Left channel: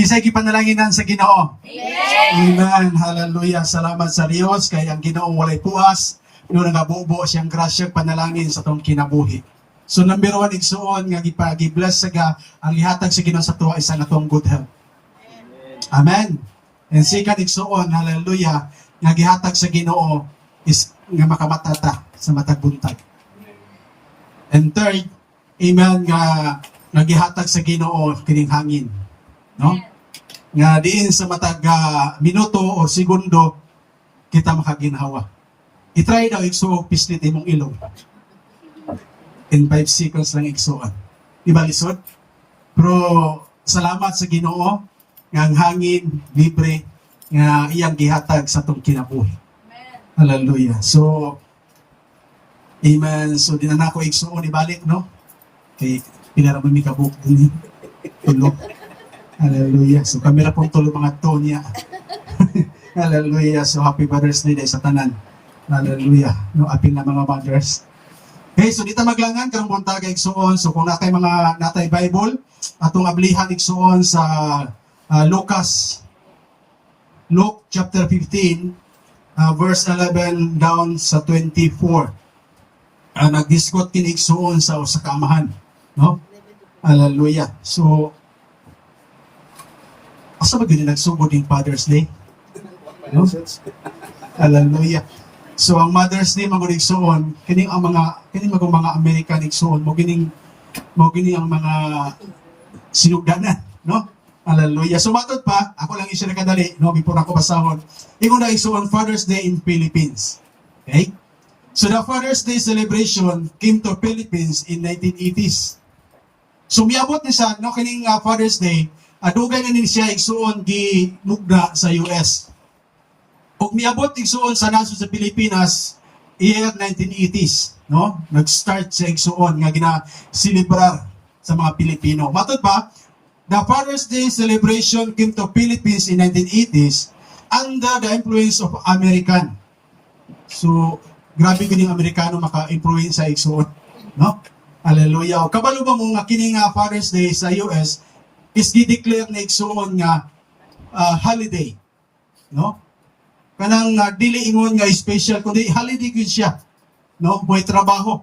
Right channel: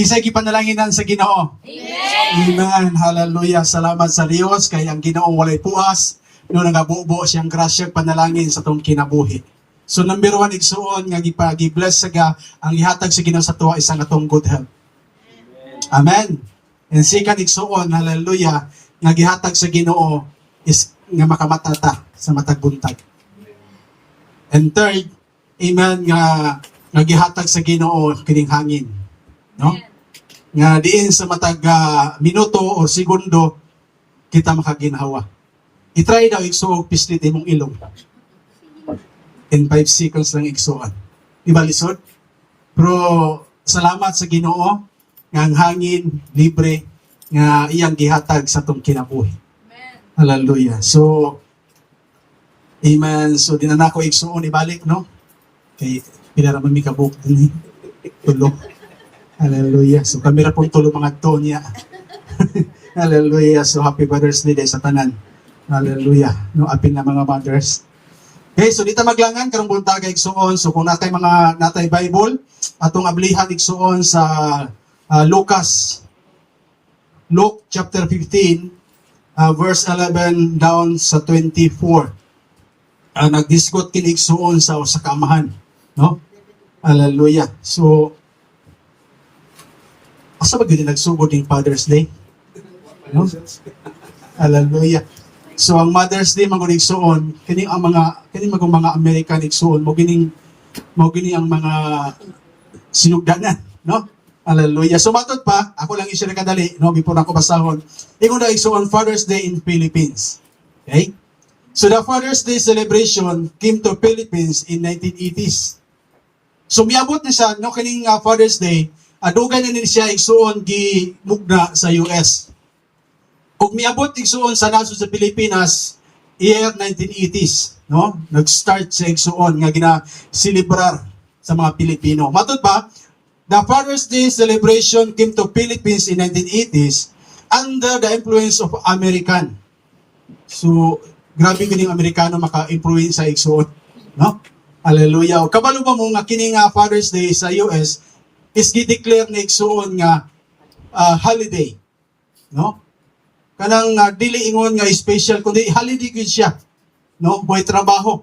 Kisay gipanalaginan sa Ginoo. Amen. Hallelujah. Salamat sa Dios kay ang Ginoo walay puas no nagabubo siyang grasya panalangin sa tong kinabuhi. So number 1 igsuon nga gibless sa ang ihatag sa Ginoo sa tuwa isa nga tong good health. Amen. And second igsuon, hallelujah, nga gihatag sa Ginoo is nga makamatata sa matag buntag. And third, amen, nga nagihatag sa Ginoo kining hangin. No? Nga diin sa matag minuto o segundo kita makaginhawa. I-try daw igsuog pislit imong ilong. In 5 seconds lang igsuon. Diba lisod? Pero salamat sa Ginoo nga ang hangin libre nga iyang gihatag sa tong kinabuhi. Hallelujah. So amen. So dinanako igsuon ibalik, no? Kay pila ra man mi kabuk din. Tulo. Hallelujah. So kami ra pong tulo mga Tonya. Hallelujah. So happy Mother's Day sa tanan. Hallelujah. No apil na mga mothers. Okay, so dito maglangan karong buntag igsuon. So kung natay mga natay Bible, atong ablihan igsuon sa Luke chapter 15 verse 11 down sa 24. Nagdiscuss kini igsuon sa kamahan, no? Hallelujah. So asa ba gyud nagsugod ning Father's Day? No? Hallelujah. So ang Mother's Day magud igsuon kini ang mga American igsuon mo gini ang mga sinugdanan, no? Hallelujah. So matod pa, ako lang i-share kadali, no, before ako basahon. Ingon na igsuon Father's Day in Philippines. Okay? So the Father's Day celebration came to Philippines in 1980s. So miabot ni siya, no, kining Father's Day, dugay na ni siya igsuon gi mugna sa US. Ug miabot igsuon sa naso sa Pilipinas year 1980s, no? Nag-start siya igsuon nga gina-celebrar sa mga Pilipino. Matod pa, the Father's Day celebration came to Philippines in 1980s under the influence of American. So grabe kining Amerikano maka-influence sa igsuon, no? Hallelujah. O kabalo ba mo nga kining Father's Day sa US is gi-declare na igsuon nga holiday, no? Kanang dili ingon nga special kundi holiday gyud siya, no? Boy trabaho.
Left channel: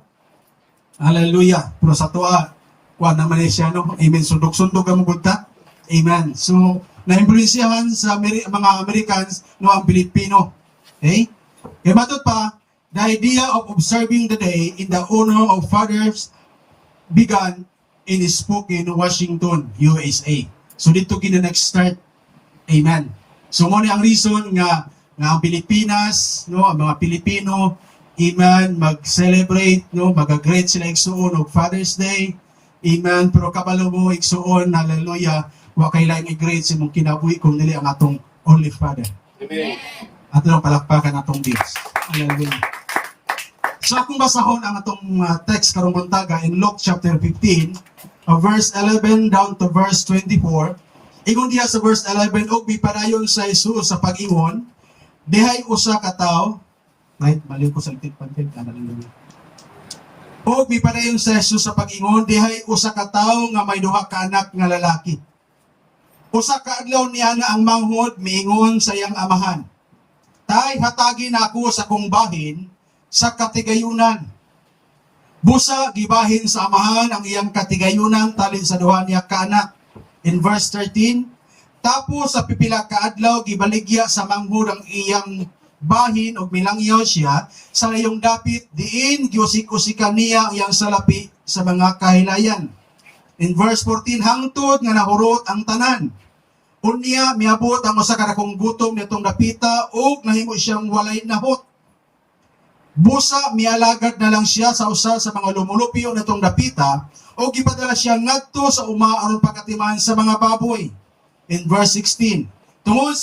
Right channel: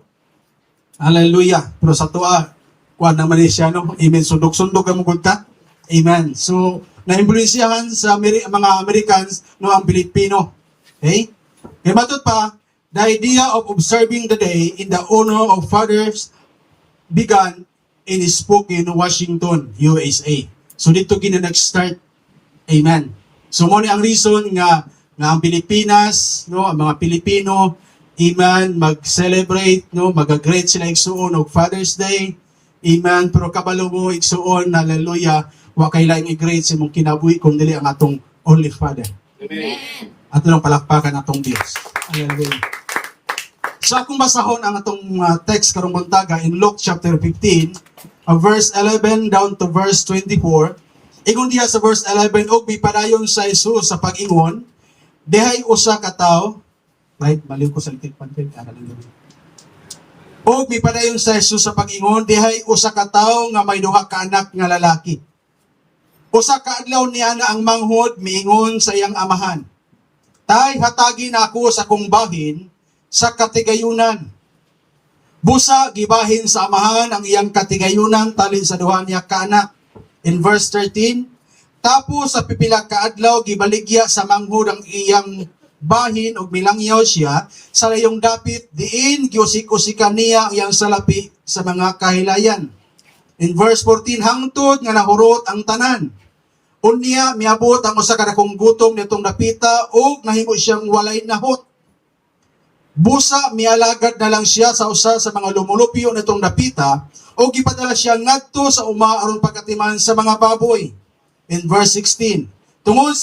Hallelujah. Pero sa tuwa kuan naman siya, no? Amen. Sundog-sundog ang gudta. Amen. So na-influensyahan sa mga Americans, no, ang Pilipino. Okay? Kaya matod pa, the idea of observing the day in the honor of fathers began in Spokane, Washington, USA. So dito kina nag-start. Amen. So mo ni ang reason nga ang Pilipinas, no, ang mga Pilipino, amen, mag-celebrate, no, mag-great sila igsuon og Father's Day. Amen. Pero kabalo mo igsuon, hallelujah, wa kay laing i-great sa imong kinabuhi kung dili ang atong only Father. Amen. Atong palakpakan atong Dios. Hallelujah. So akong basahon ang atong text karong buntaga in Luke chapter 15, verse 11 down to verse 24. Ingon diha sa verse 11, og mipadayon sa Jesus sa pag-ingon, dehay usa ka tawo, right, maliw ko sa litik-pantig, og mipadayon sa Jesus sa pag-ingon, dehay usa ka tawo nga may duha ka anak nga lalaki. Usa ka adlaw niya nga ang manghod miingon sa iyang amahan, tay hatagi na ako sa kong bahin sa katigayunan. Busa gibahin sa amahan ang iyang katigayunan talin sa duha niya ka anak. In verse 13, tapos sa pipila ka adlaw gibaligya sa manghod ang iyang bahin og milangyaw siya sa layong dapit diin giusik-usikan niya ang iyang salapi sa mga kahilayan. In verse 14, hangtod nga nahurot ang tanan. Unya miabot ang usa ka dakong gutom nitong dapita og nahimo siyang walay nahot. Busa mialagad na lang siya sa usa sa mga lumulupyo nitong dapita o gipadala siya ngadto sa uma aron pagkatiman sa mga baboy. In verse 16, tungod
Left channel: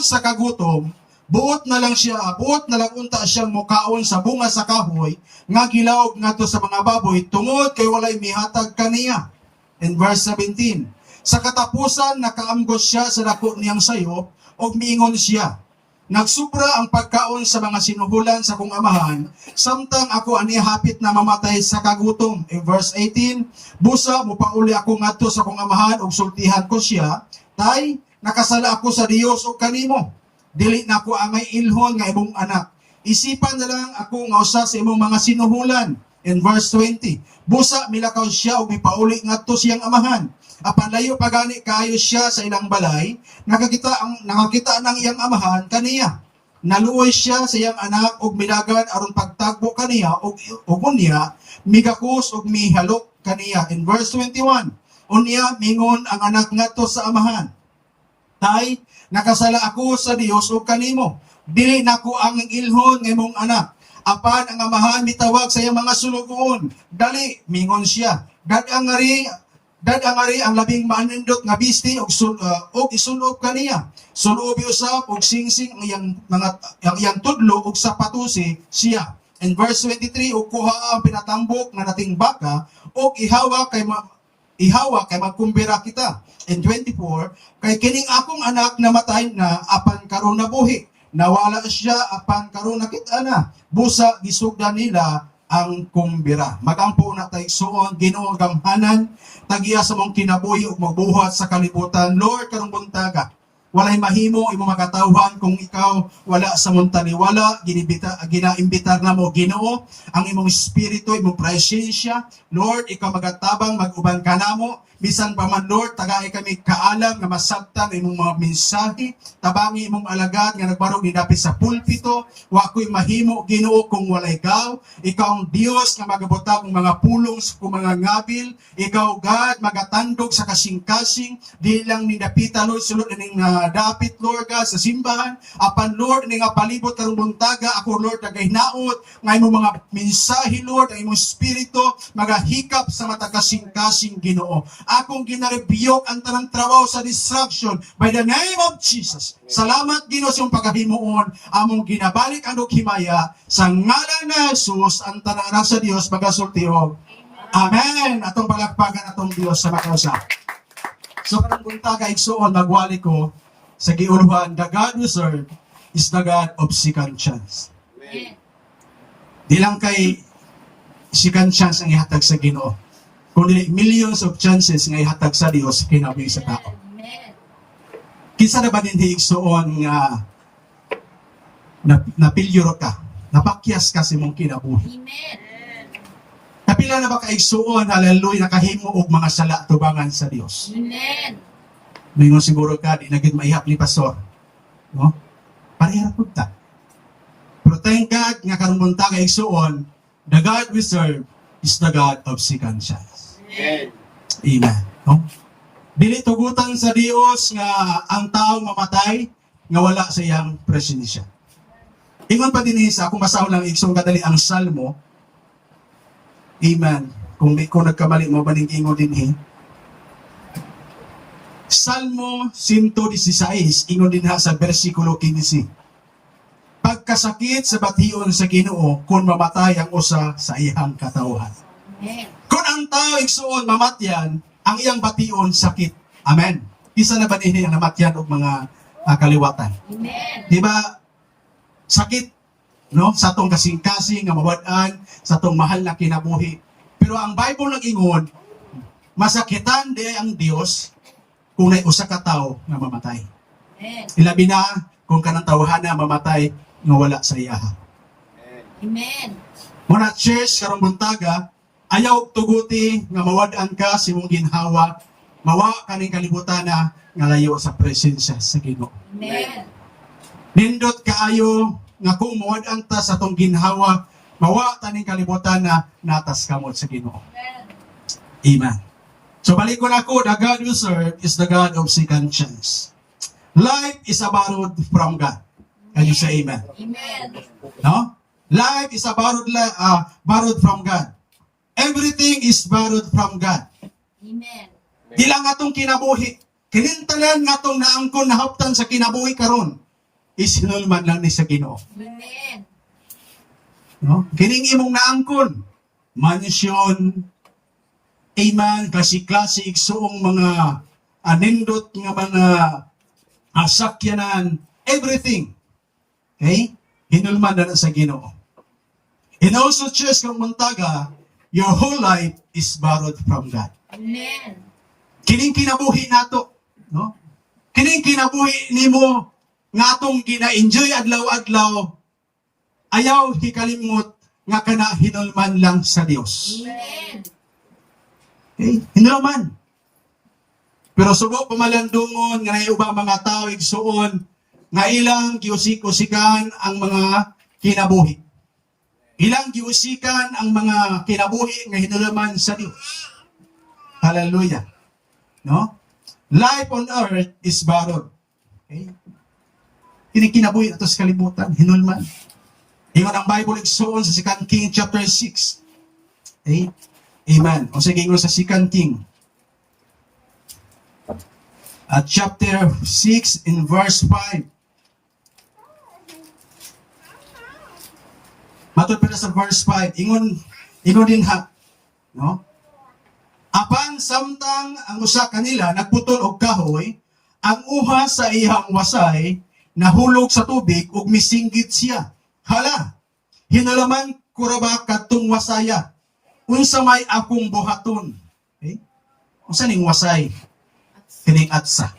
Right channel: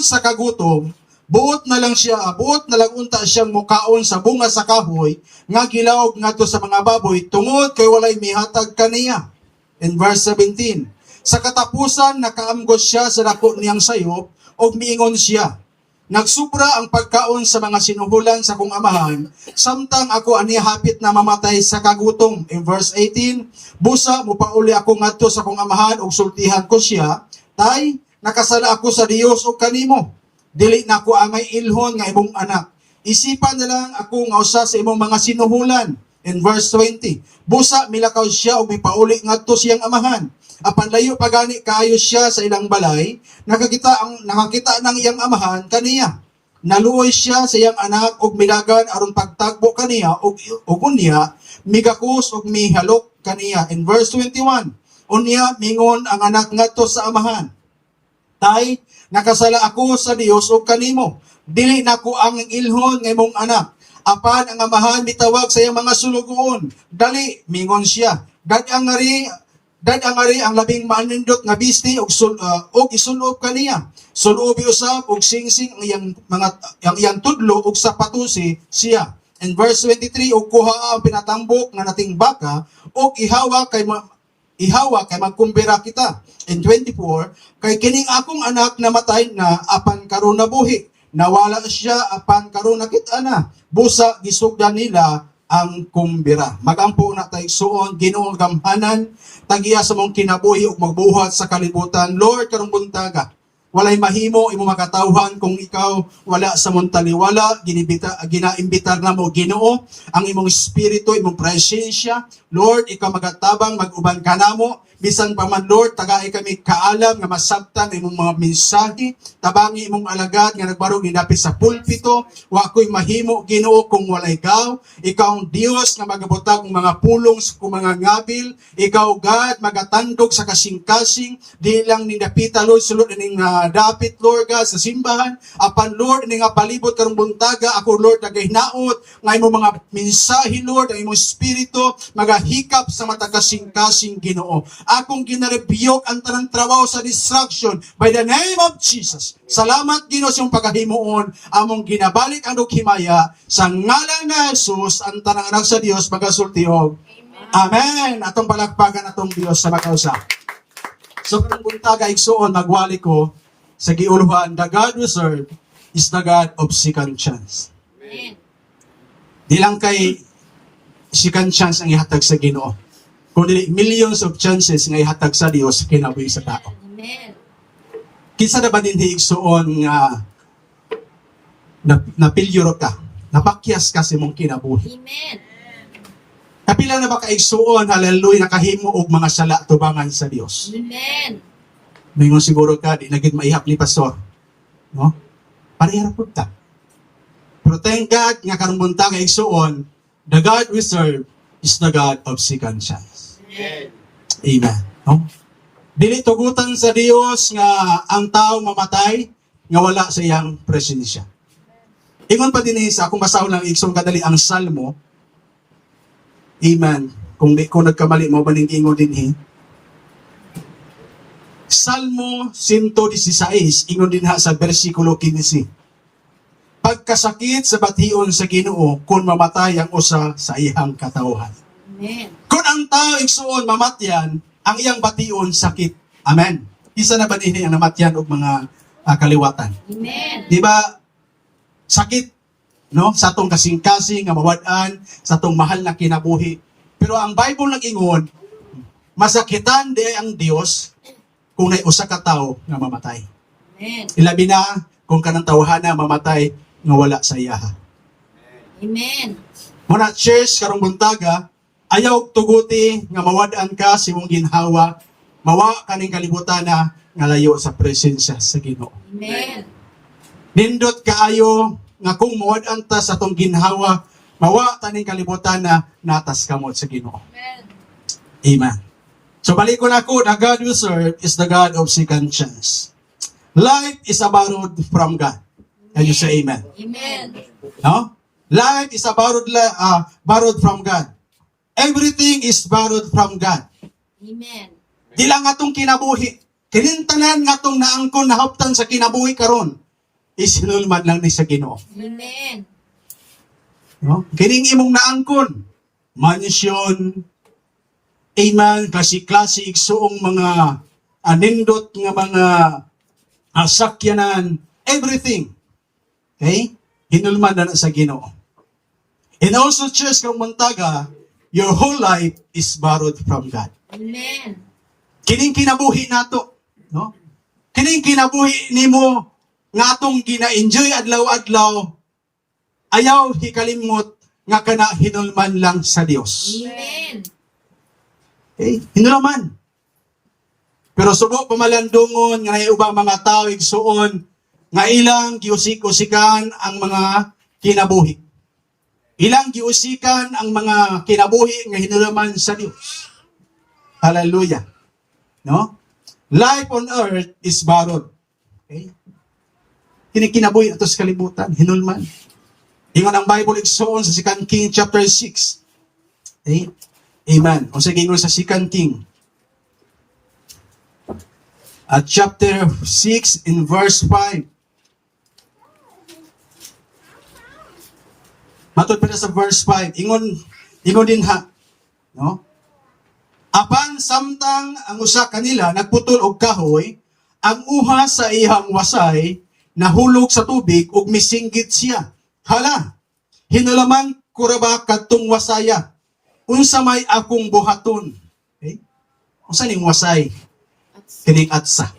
sa kagutom, buot na lang unta siyang mukaon sa bunga sa kahoy nga gilawog ngadto sa mga baboy tungod kay walay mihatag kaniya. In verse 17, sa katapusan nakaamgos siya sa dako niyang sayop og miingon siya, nagsubra ang pagkaon sa mga sinuhulan sa kong amahan, samtang ako ani hapit na mamatay sa kagutom. In verse 18, busa mupauli ako ngadto sa kong amahan ug sultihan ko siya, Tay, nakasala ako sa Dios o kanimo. Dili na ko amay ilhon nga imong anak. Isipan na lang ako nga usa sa imong mga sinuhulan. In verse 20, busa milakaw siya o mipauli ngadto siyang amahan. Apan layo pagani kaayo siya sa ilang balay, nakakita ng iyang amahan kaniya. Naluoy siya sa iyang anak og midagan aron pagtagbo kaniya og unya migakos og mihalok kaniya. In verse 21, unya mingon ang anak ngadto sa amahan, Tay, nakasala ako sa Dios o kanimo. Dili nako ang ilhon nga imong anak. Apan ang amahan mitawag sa iyang mga sulugoon. Dali, mingon siya. Dadangari ang labing manindot nga bisti og isulob kaniya. Sulobi usab og singsing ang iyang tudlo og sapatusi siya. In verse 23, og kuha ang pinatambok nga nating baka og ihawa kay magkumbira kita. In 24, kay kining akong anak namatay na apan karon nabuhi. Nawala siya apan karon nakita na. Busa gisugdan nila ang kumbira. Magampo na tayo suon, Ginoo gamhanan, tagiya sa mong kinabuhi ug magbuhat sa kalibutan. Lord, karong buntaga, walay mahimo imo makatawhan kung ikaw wala sa mong taliwala, ginaimbitar na mo Ginoo ang imong espiritu, imong presensya. Lord, ikaw magatabang, mag-uban ka namo. Bisan pa man Lord, tagaay kami kaalam nga masabtan imong mga mensahe, tabangi imong alagad nga nagbarog ni dapit sa pulpito, wa ko'y mahimo Ginoo kung walay ikaw. Ikaw ang Dios nga magabutang mga pulong sa mga ngabil, ikaw God magatandog sa kasing-kasing, di lang ni dapita Lord sulod ning dapit Lord God sa simbahan, apan Lord ning palibot karong buntaga ako Lord nagahinaot nga imong mga mensahe Lord ang imong espiritu magahikap sa mata kasing-kasing Ginoo. Akong ginarebuke ang tanang trabaho sa distraction by the name of Jesus. Salamat Ginoo sa iyong pagkahimuon, among ginabalik ang himaya sa ngalan na Jesus ang tanang anak sa Dios magasultiog. Amen. Atong palakpakan atong Dios sa makausa. So karong buntaga igsuon magwali ko sa giuluhan, the God we serve is the God of second chance. Amen. Di lang kay second chance ang ihatag sa Ginoo, kundi millions of chances nga ihatag sa Dios kinabuhi sa tao. Amen. Kinsa na ba din hiigsuon nga napilyuro ka, napakyas ka sa imong kinabuhi. Amen. Kapila na ba kaigsuon, hallelujah, nakahimo og mga sala tubangan sa Dios. Amen. Mingon siguro ka, di nagid maihap ni pastor. No? Parehara pud ta. Pero thank God nga karong buntag kaigsuon, the God we serve is the God of second chance. Amen. No? Dili tugutan sa Dios nga ang tao mamatay nga wala sa iyang presensya. Ingon pa din sa akong basahon lang igsong kadali ang Salmo. Amen. Kung nagkamali mo baning ingon dinhi. Salmo 116 ingon din ha sa bersikulo 15. Pagkasakit sa bation sa Ginoo kung mamatay ang usa sa iyang katawhan. Amen. Kung ang tao igsuon mamatyan, ang iyang bation sakit. Amen. Isa na ba din ang namatyan og mga kaliwatan? Amen. Di ba? Sakit, no? Sa atong kasing-kasing nga mawad-an, sa atong mahal na kinabuhi. Pero ang Bible nag-ingon, masakitan di ang Dios kung may usa ka tawo nga mamatay. Amen. Ilabi na kung kanang tawhana mamatay nga wala sa iyaha. Amen. Muna church karong buntaga, ayaw tuguti nga mawad-an ka sa imong ginhawa, mawa kaning kalibutan na nga layo sa presensya sa Ginoo. Amen. Nindot kaayo nga kung mawad-an ta sa atong ginhawa, mawa taning kalibutan na natas kamot sa Ginoo. Amen. Amen. So balik ko na ako, the God we serve is the God of second chance. Life is a borrowed from God. Can you say amen? Amen. No? Life is a borrowed from God. Everything is borrowed from God. Amen. Di lang atong kinabuhi. Kinintanan nga atong naangkon nahaptan sa kinabuhi karon. Isinulman lang ni sa Ginoo. Amen. No? Kining imong naangkon. Mansion, amen, klase-klase igsuong mga anindot nga mga sakyanan, everything. Okay? Hinulman na sa Ginoo. And also, church, kung muntaga, your whole life is borrowed from God. Amen. Kining kinabuhi nato, no? kining kinabuhi nimo nga atong gina-enjoy adlaw-adlaw, ayaw hikalimot nga kana hinulman lang sa Dios. Amen. Okay? Hinulman. Pero sugo pamalandungon nga nay ubang mga tao igsuon nga ilang giusik-usikan ang mga kinabuhi. Ilang giusikan ang mga kinabuhi nga hinulman sa Dios. Hallelujah. No? Life on earth is borrowed. Okay? Kini kinabuhi ato sa kalibutan, hinulman. Ingon ang Bible igsuon sa 2 King chapter 6. Okay? Amen. O sige, ingon sa 2 King. At chapter 6 in verse 5. Matod pa na sa verse 5. Ingon din ha. No? Apan samtang ang usa kanila nagputol og kahoy, ang uha sa iyang wasay nahulog sa tubig ug misinggit siya. Hala, hinalaman ko ra ba kadtong wasaya? Unsa may akong buhaton? Okay? Unsa ning wasay? Kining atsa.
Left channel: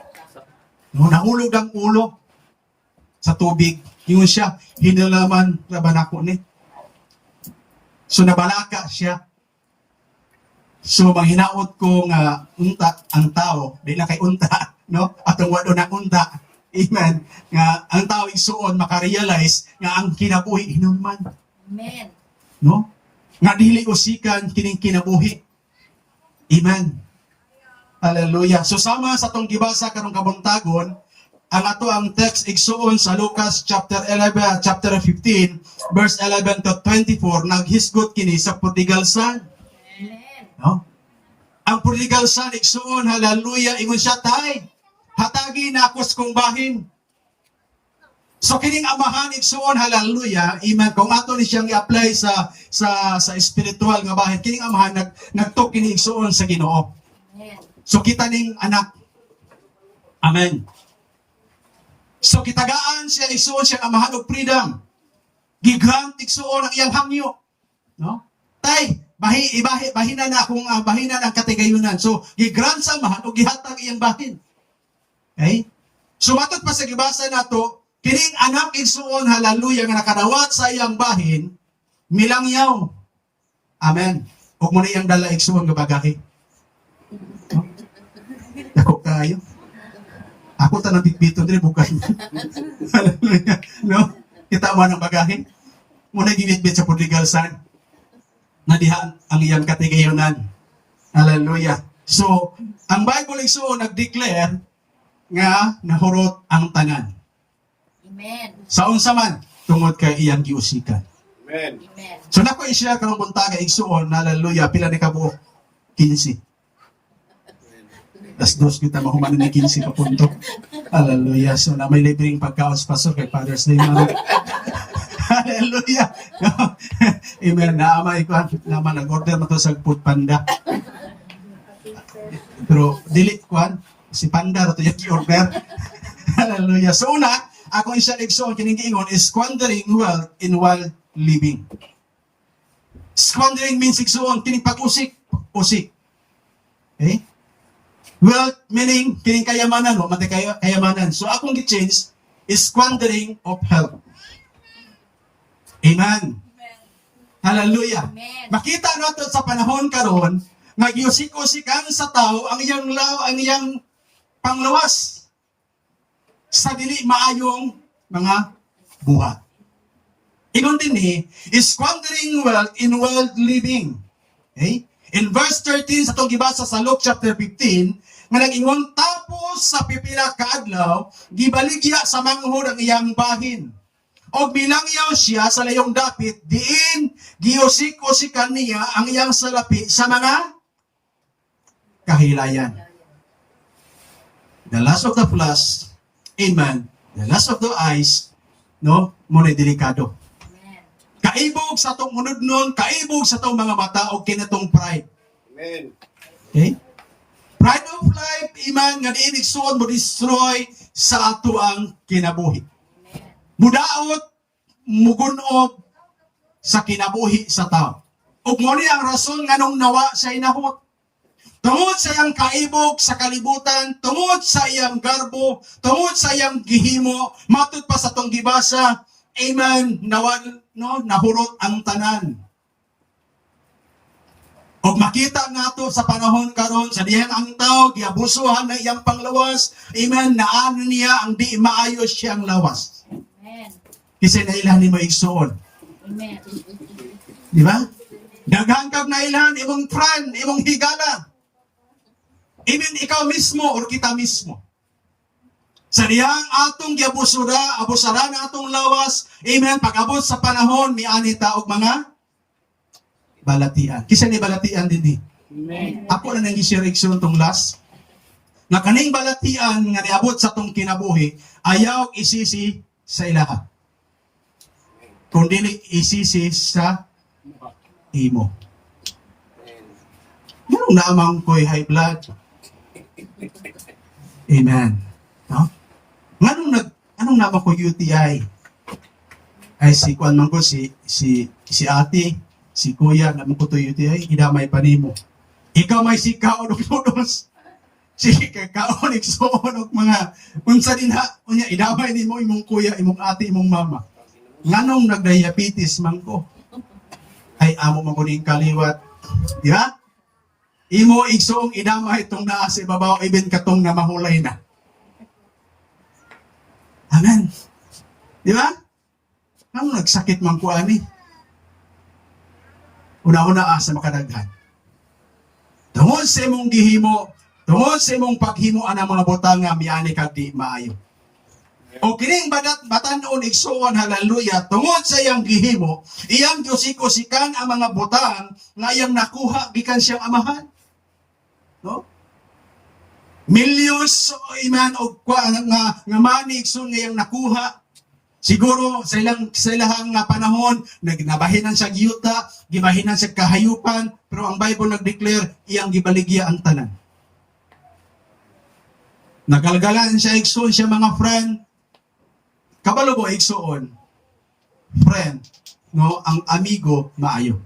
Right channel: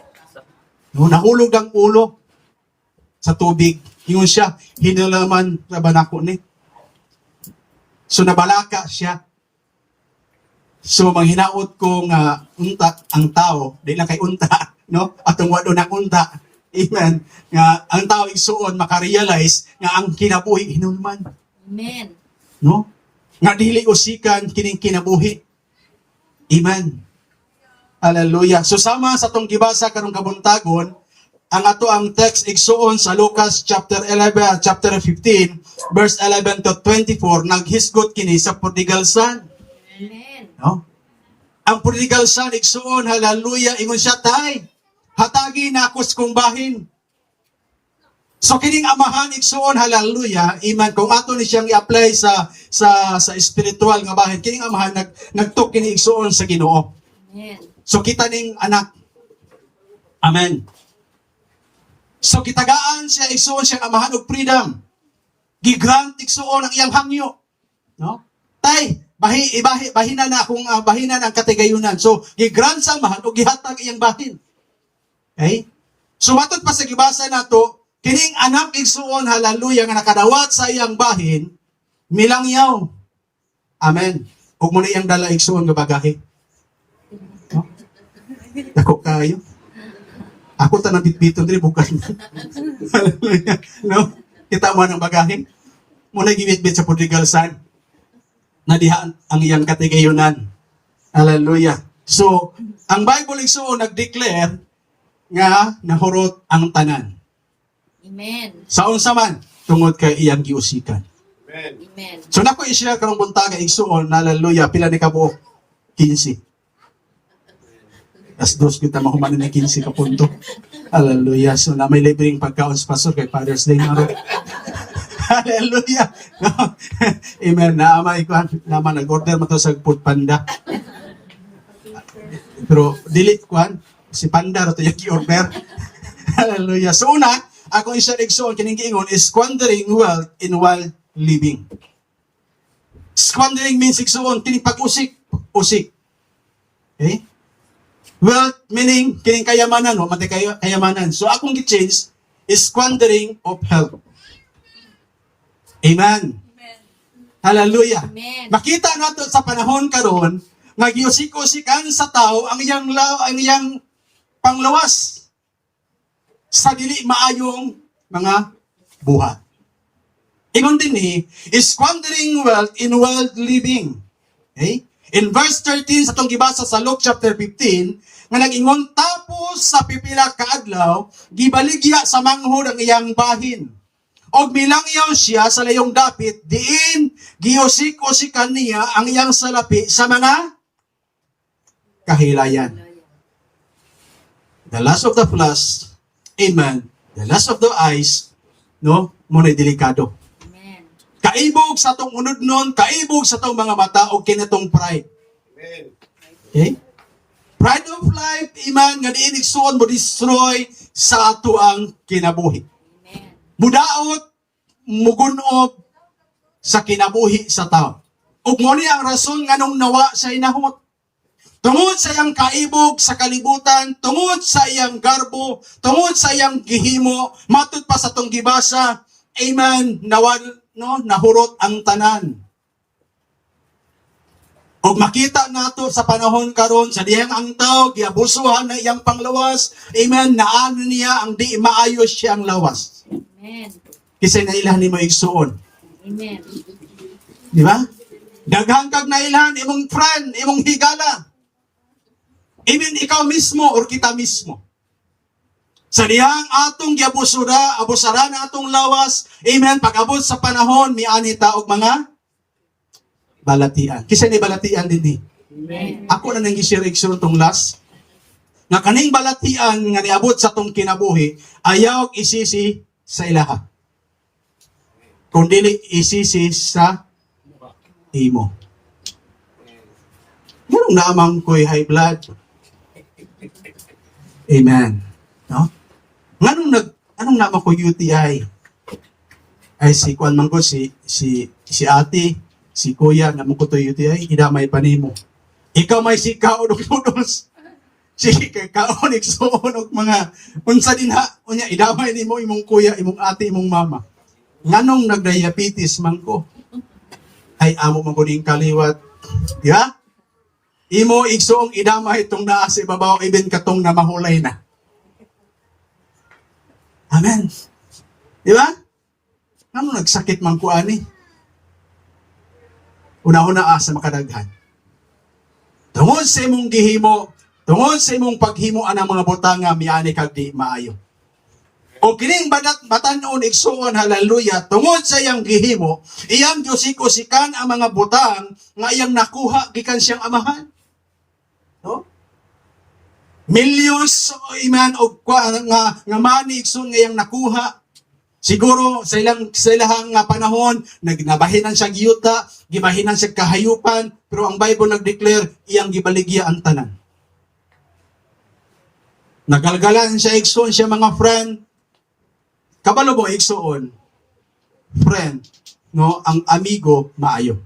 No, nahulog ang ulo sa tubig. Ingon siya, hinalaman ra ba nako ni? So nabalaka siya. So manghinaot ko nga unta ang tao, di lang kay unta, no? Atong wado na unta. Amen. Nga ang tao isuon makarealize nga ang kinabuhi hinulman, Amen. no? Nga dili usikan kining kinabuhi. Amen. Hallelujah. So sama sa tong gibasa karong kabuntagon, ang ato ang text igsuon sa Lucas chapter 11, chapter 15, verse 11 to 24, naghisgot kini sa prodigal son. Amen. No? Ang prodigal son, igsuon, hallelujah, ingon siya, tay, hatagi na akos kong bahin. So kining amahan, igsuon, hallelujah, iman, kung ato ni siyang i-apply sa spiritual nga bahin, kining amahan, nagtok kining igsuon sa Ginoo. Amen. So kita ning anak. Amen. So kitagaan siya, igsuon siya amahan og freedom. Gigrant igsuon ang iyang hangyo. No? Tay, bahinan na akong bahinan ang katigayunan. So, gigrant sa amahan o gihatag iyang bahin. Okay? So, matod pa sa gibasa nato, kining anak igsuon, hallelujah, nga nakadawat sa iyang bahin, milangyaw. Amen. Huwag mo na iyang dala igsuon nga bagahe. No? Ako kayo. Ako tanang bitbito diri bukan. Hallelujah. No? Kita mo ng bagahe. Muna gibitbit sa prodigal son. Nadihaan ang iyang katigayunan. Hallelujah. So, ang Bible igsuon nag-declare nga nahurot ang tanan. Amen. Sa unsa man tungod kay iyang giusikan. Amen. Amen. So nako i-share karong buntaga igsuon, hallelujah, pila ni kabuok? 15. As dos kita mahuman na 15 ka punto. Hallelujah. So na may libreng pagkaon sa pastor kay Father's Day na. Hallelujah. Amen. Naamay ko. Naman nag-order mo to sa Food Panda. Pero delete ko. Si Panda ito yung i-order. Hallelujah. So una, ako isa igsoon kining giingon is squandering wealth in wild living. Squandering means igsoon kining pag-usik. Usik. Okay? Wealth meaning kining kayamanan, no? Matay kayamanan. So akong gi-change is squandering of health. Amen. Hallelujah. Amen. Makita nato sa panahon karon nga giusik-usikan sa tao ang iyang panglawas sa dili maayong mga buhat. Ingon din is squandering wealth in world living. Okay? In verse 13 sa itong gibasa sa Luke chapter 15, nga nag-ingon, tapos sa pipila kaadlaw, gibaligya sa manghod ang iyang bahin. O bilangyaw siya sa layong dapit, diin giusik-usikan niya ang iyang salapi sa mga kahilayan. The lust of the flesh, amen. The lust of the eyes, no? Muna delikado. Amen. Kaibog sa tong unod nun, kaibog sa tong mga mata, o kinatong pride. Amen. Okay? Pride of life, iman, nga diin igsuon mo destroy sa ato ang kinabuhi. Amen. Mudaot, mugunob sa kinabuhi sa tao. Ug mo ni ang rason nga nung nawa sa inahot. Tungod sa iyang kaibog sa kalibutan, tungod sa iyang garbo, tungod sa iyang gihimo, matud pa sa tong gibasa, amen, nahurot ang tanan. O makita nato sa panahon karon sa diyang ang tao, giabusuhan na iyang panglawas, amen, naano niya ang di maayos siyang lawas. Amen. Kasi nailan ni mo igsuon. Amen. Di ba? Daghan kag nailan, imong friend, imong higala. Even ikaw mismo or kita mismo. Sa diyang atong giabusura, abusara na atong lawas, amen, pag-abot sa panahon, miani ta og mga balatian. Kisa ni balatian din ni. Amen. Ako na nang gisiriksyon tong last. Nga kaning balatian nga niabot sa tong kinabuhi, ayaw isisi sa ilaha. Kung dili isisi sa imo. Ganun namang ko'y high blood. Amen. No? Anong naman ko UTI? Ay si Kwan man ko, si ate, si kuya, naman ko to UTI, idamay pa nimo. Ikaw may si kaonog-unos. Si kaonig suonog mga, unsa din ha, unya, idamay nimo imong kuya, imong ate, imong mama. Nganong nagdiabetes man ko? Ay amo man ko ning kaliwat. Di ba? Imo igsoong idamay itong naa sa ibabaw, even katong na mahulay na. Amen. Di ba? Nang nagsakit man ko ani. Una-una sa makadaghan. Tungod sa imong gihimo, tungod sa imong paghimo anang mga butanga miani kag di maayo. O kining batanon igsuon, haleluya, tungod sa iyang gihimo, iyang Diyos-ikusikan ang mga butang nga iyang nakuha gikan siyang amahan. No? Millions iman og nga money igsoon nga iyang nakuha. Siguro sa ilahang panahon nagnabahinan siya giyuta, gibahinan siya kahayupan, pero ang Bible nag-declare iyang gibaligya ang tanan. Nagalgalan siya igsoon siya mga friend. Kabalo mo igsoon, friend, no, ang amigo maayo.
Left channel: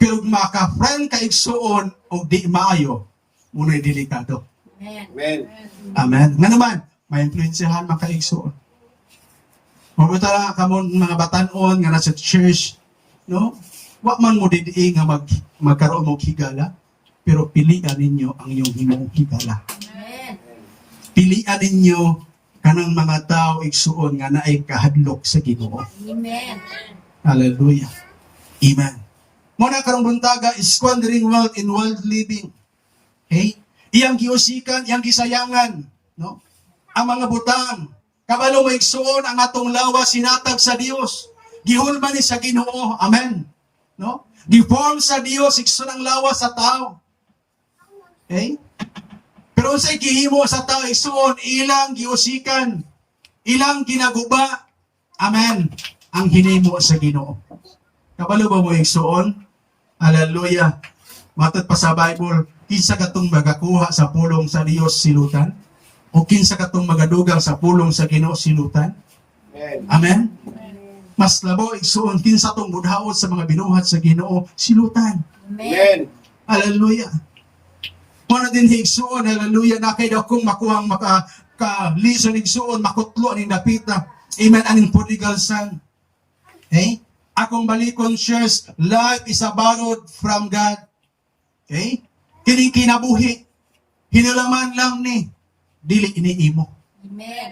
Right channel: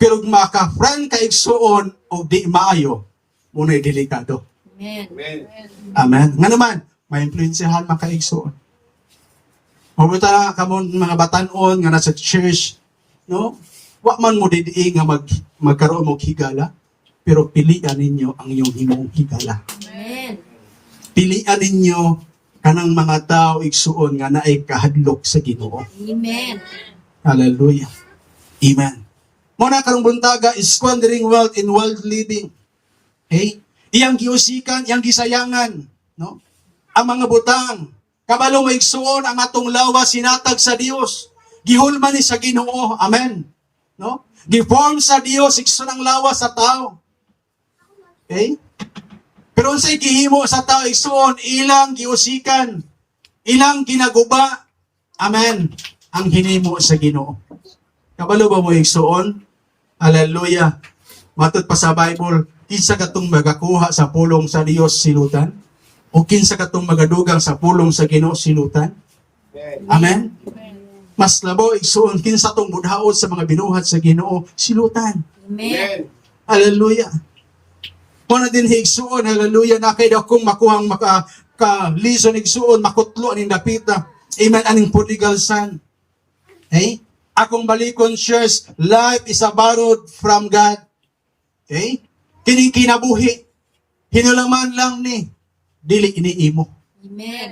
Pero maka-friend ka igsoon o di maayo, muna delikado. Amen. Amen. Nga naman, may influensyahan maka-igsoon. Mabuta ka mo mga batanon nga nasa church, no? Wa man mo didi nga magkaroon mo higala, pero pilian ninyo ang iyong himong higala. Amen. Pilian ninyo kanang mga tao igsuon nga naay kahadlok sa Ginoo. Amen. Hallelujah. Amen. Muna karong buntaga is squandering wealth in world living. Okay? Iyang giusikan, iyang gisayangan, no? Ang mga butang, kabalo mo igsuon ang atong lawas sinatag sa Dios. Gihulman ni sa Ginoo. Amen. No? Giform sa Dios igsuon ang lawas sa tao. Okay? Pero unsay gihimo sa tao igsuon, ilang giusikan, ilang ginaguba. Amen. Ang hinimo sa Ginoo. Kabalo ba mo igsuon? Hallelujah. Matod pa sa Bible, kinsa katong magakuha sa pulong sa Dios silutan? O kinsa katong magadugang sa pulong sa Ginoo silutan? Amen. Mas labaw igsuon kinsa tong budhaot sa mga binuhat sa Ginoo silutan. Amen. Hallelujah. Muna din higsuon, hallelujah, na kay dakong makuhang lison igsuon, makutlo aning dapita. Amen, aning prodigal son. Okay? Akong balikon, shares, life is a borrowed from God. Okay? Kining kinabuhi, hinalaman lang ni, dili iniimo. Amen.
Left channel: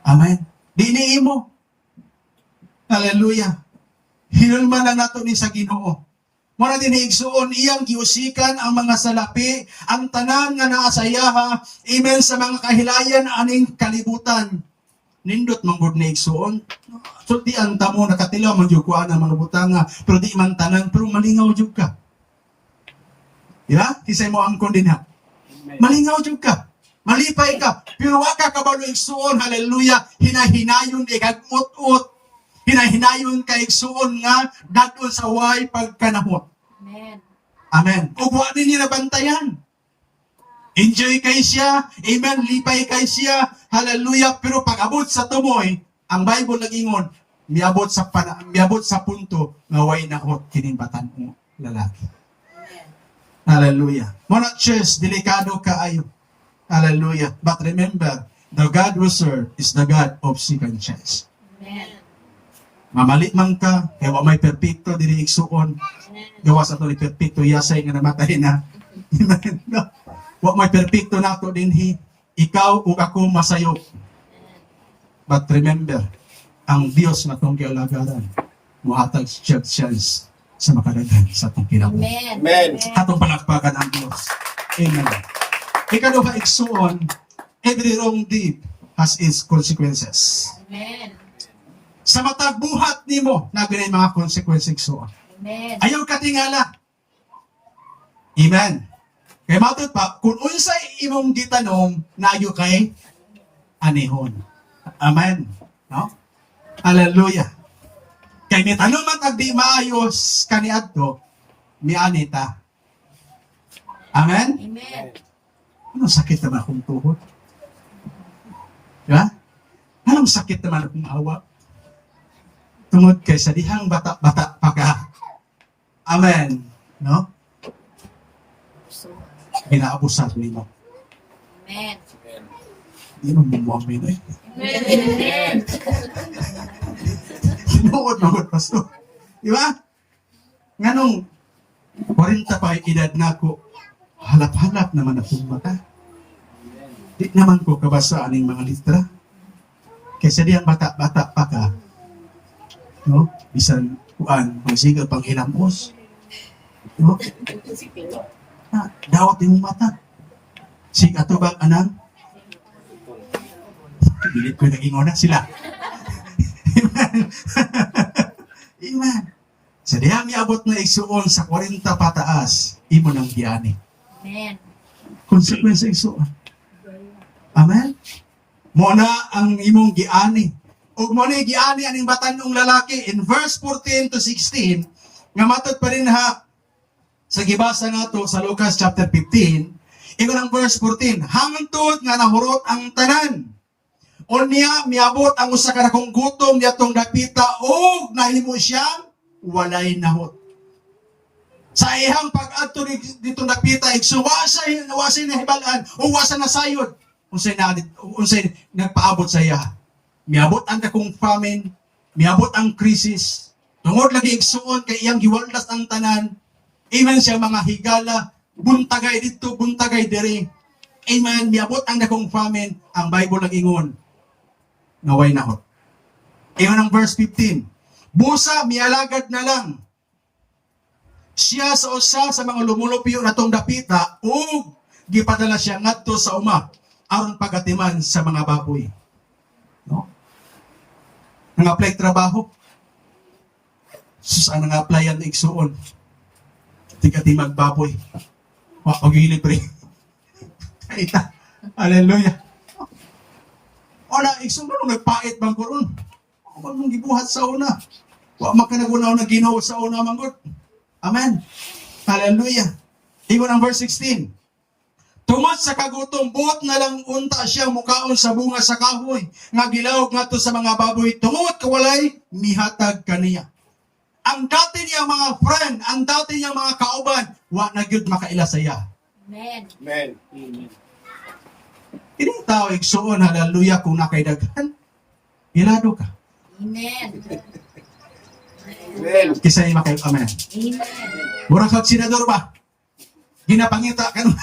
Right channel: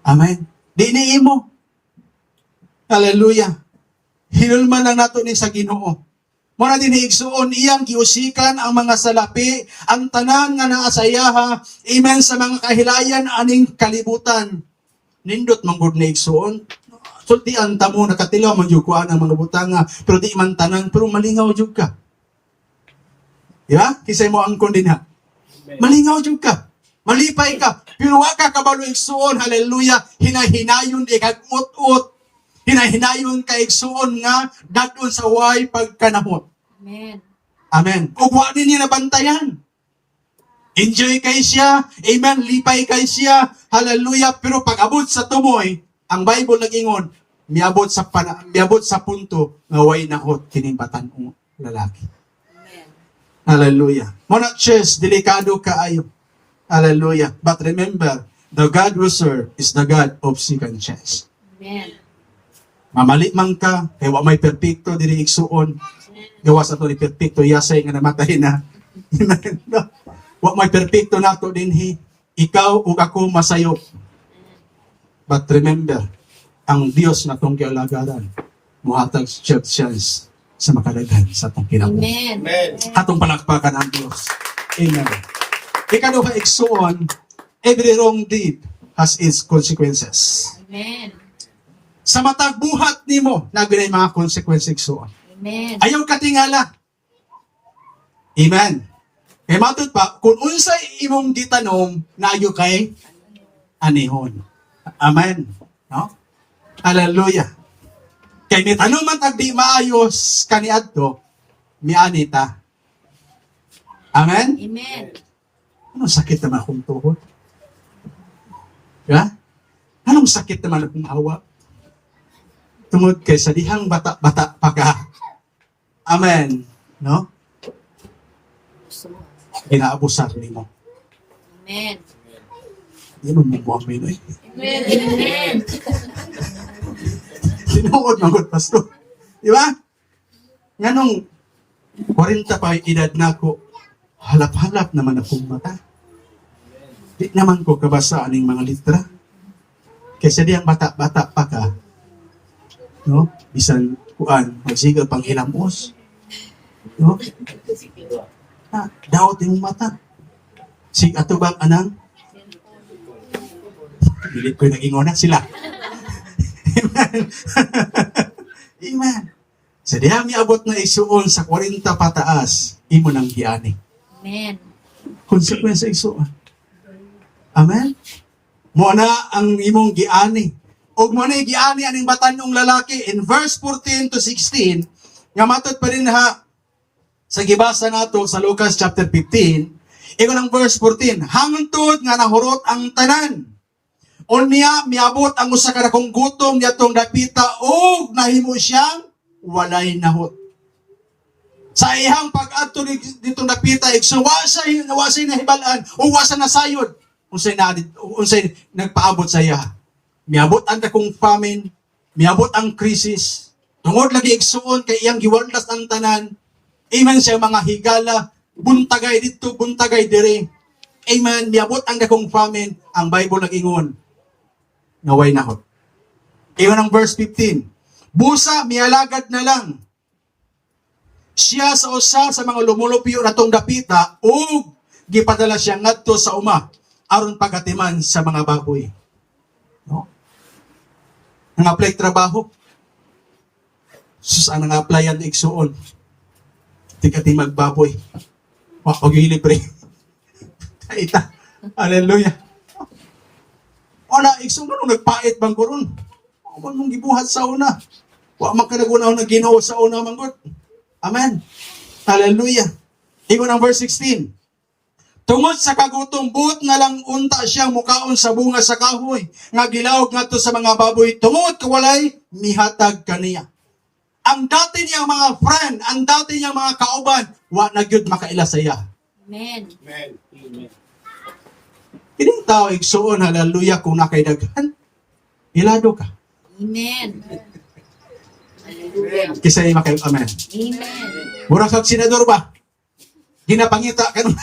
Amen. Di iniimo. Hallelujah. Hinalaman lang nato ni sa Ginoo. Muna din higsuon, iyang giusikan ang mga salapi, ang tanan nga naasayaha, amen, sa mga kahilayan aning kalibutan. Nindot manggod na igsuon. Sultian ta mo, nakatilaw man jud kuan ang mga butanga, pero di man tanan, pero malingaw jud ka. Ya? Kisay mo angkon din ha. Malingaw jud ka. Malipay ka. Pero wa ka kabalo igsuon, hallelujah, hinahinayon ikag ut-ut. Hinahinayon ka igsuon nga dadon sa way pagkanahon. Amen. Amen. Ug wa ninyo nabantayan. Enjoy kay siya. Amen. Lipay kay siya. Hallelujah. Pero pag abot sa tumoy, ang Bible nag-ingon, miabot sa punto nga way naot kining batan-ong lalaki. Hallelujah. Muna church, delikado kaayo. Hallelujah. But remember, the God we serve is the God of second chance. Amen. Mamali man ka, kaya wa may perpekto diri igsuon. Gawa sa to ni perpekto yasay nga namatay na. Amen. No? Wa may perpekto nato dinhi. Ikaw ug ako masayo. But remember, ang Dios na tong gialagaran, muhatag chance sa makadaghan sa atong kinabuhi. Amen. Amen. Atong palakpakan ang Diyos. Amen. Ikaduha igsuon, every wrong deed has its consequences. Amen. Sa matag buhat nimo, nabi na mga consequences igsuon. Amen. Ayaw katingala. Amen. Kaya matod pa, kung unsay imong gitanong, nayo kay anihon. Amen. No? Hallelujah. Kay may tanong man tag di maayos kaniadto, mianita. Amen? Amen. Anong sakit naman akong tuhod? Diba? Anong sakit naman akong awa? Tungod kay sa dihang bata-bata pa ka. Amen. No? Ginaabusan nimo. Amen. Di mo mabuang Pinoy. Amen. Amen. Sinuod magod pasto. Di ba? Nganong 40 pa ang edad na ako, halap-halap naman akong mata. Di naman ko kabasa aning mga litra. Kaysa di ang bata-bata pa ka, no? Bisan kuan, magsigal pang hilamos. No? Daot yung mata. Sig ato bang anang? Bilit ko nag-ingon na sila. Amen. Amen. Sa dihang miabot na isuon sa 40 pataas, imo nang giani. Amen. Konsekwensya isuon. Amen. Mo na ang imong giani. Og mo na giani aning batanong lalaki in verse 14 to 16 nga matud pa rin ha sa gibasa nato sa Lucas chapter 15. Iko ng verse 14. Hangtod nga nahurot ang tanan. O niya, miabot ang usa ka dakong gutom niya tong dapita o nahimo siyang walay nahot. Sa ihang pag-adto ditong dapita, igsuwasay nahibalaan o wasa nasayod. Unsay nagpaabot sa iya. Miabot ang dakong famine, miabot ang krisis, tungod lagi igsuon kay iyang giwaldas ang tanan. Amen siya mga higala, buntagay dito, buntagay dire. Amen, miabot ang dakong famine, ang Bible nag-ingon. Naway nahot. Iyon ang verse 15. Busa, mialagad na lang. Siya sa usa sa mga lumulupyo na tong dapita ug gipadala siya ngadto sa uma aron pagatiman sa mga baboy. No? Nang-apply trabaho. Sus ang nang-applyan igsuon. Tigati magbaboy. Wa pag-ilibre. Kaita. Hallelujah. Wala, igsuon nung nagpait bang koron. Wa mong gibuhat sa una. Wa makanagunaw na Ginoo sa una manggod. Amen. Hallelujah. Ingon ang verse 16. Tungod sa kagutom, buot nga lang unta siya mukaon sa bunga sa kahoy, nga gilawog nga to sa mga baboy, tungod kawalay, mihatag kaniya. Ang dati niya mga friend, ang dati niya mga kauban, wa na gyud makaila sa iya. Amen. Amen. Amen. Ining tao igsuon, hallelujah, kung nakaidagan, ilado ka. Amen. Amen. Kisa ima kayo, amen. Amen. Murag sa senador ba? Ginapangita ka nun.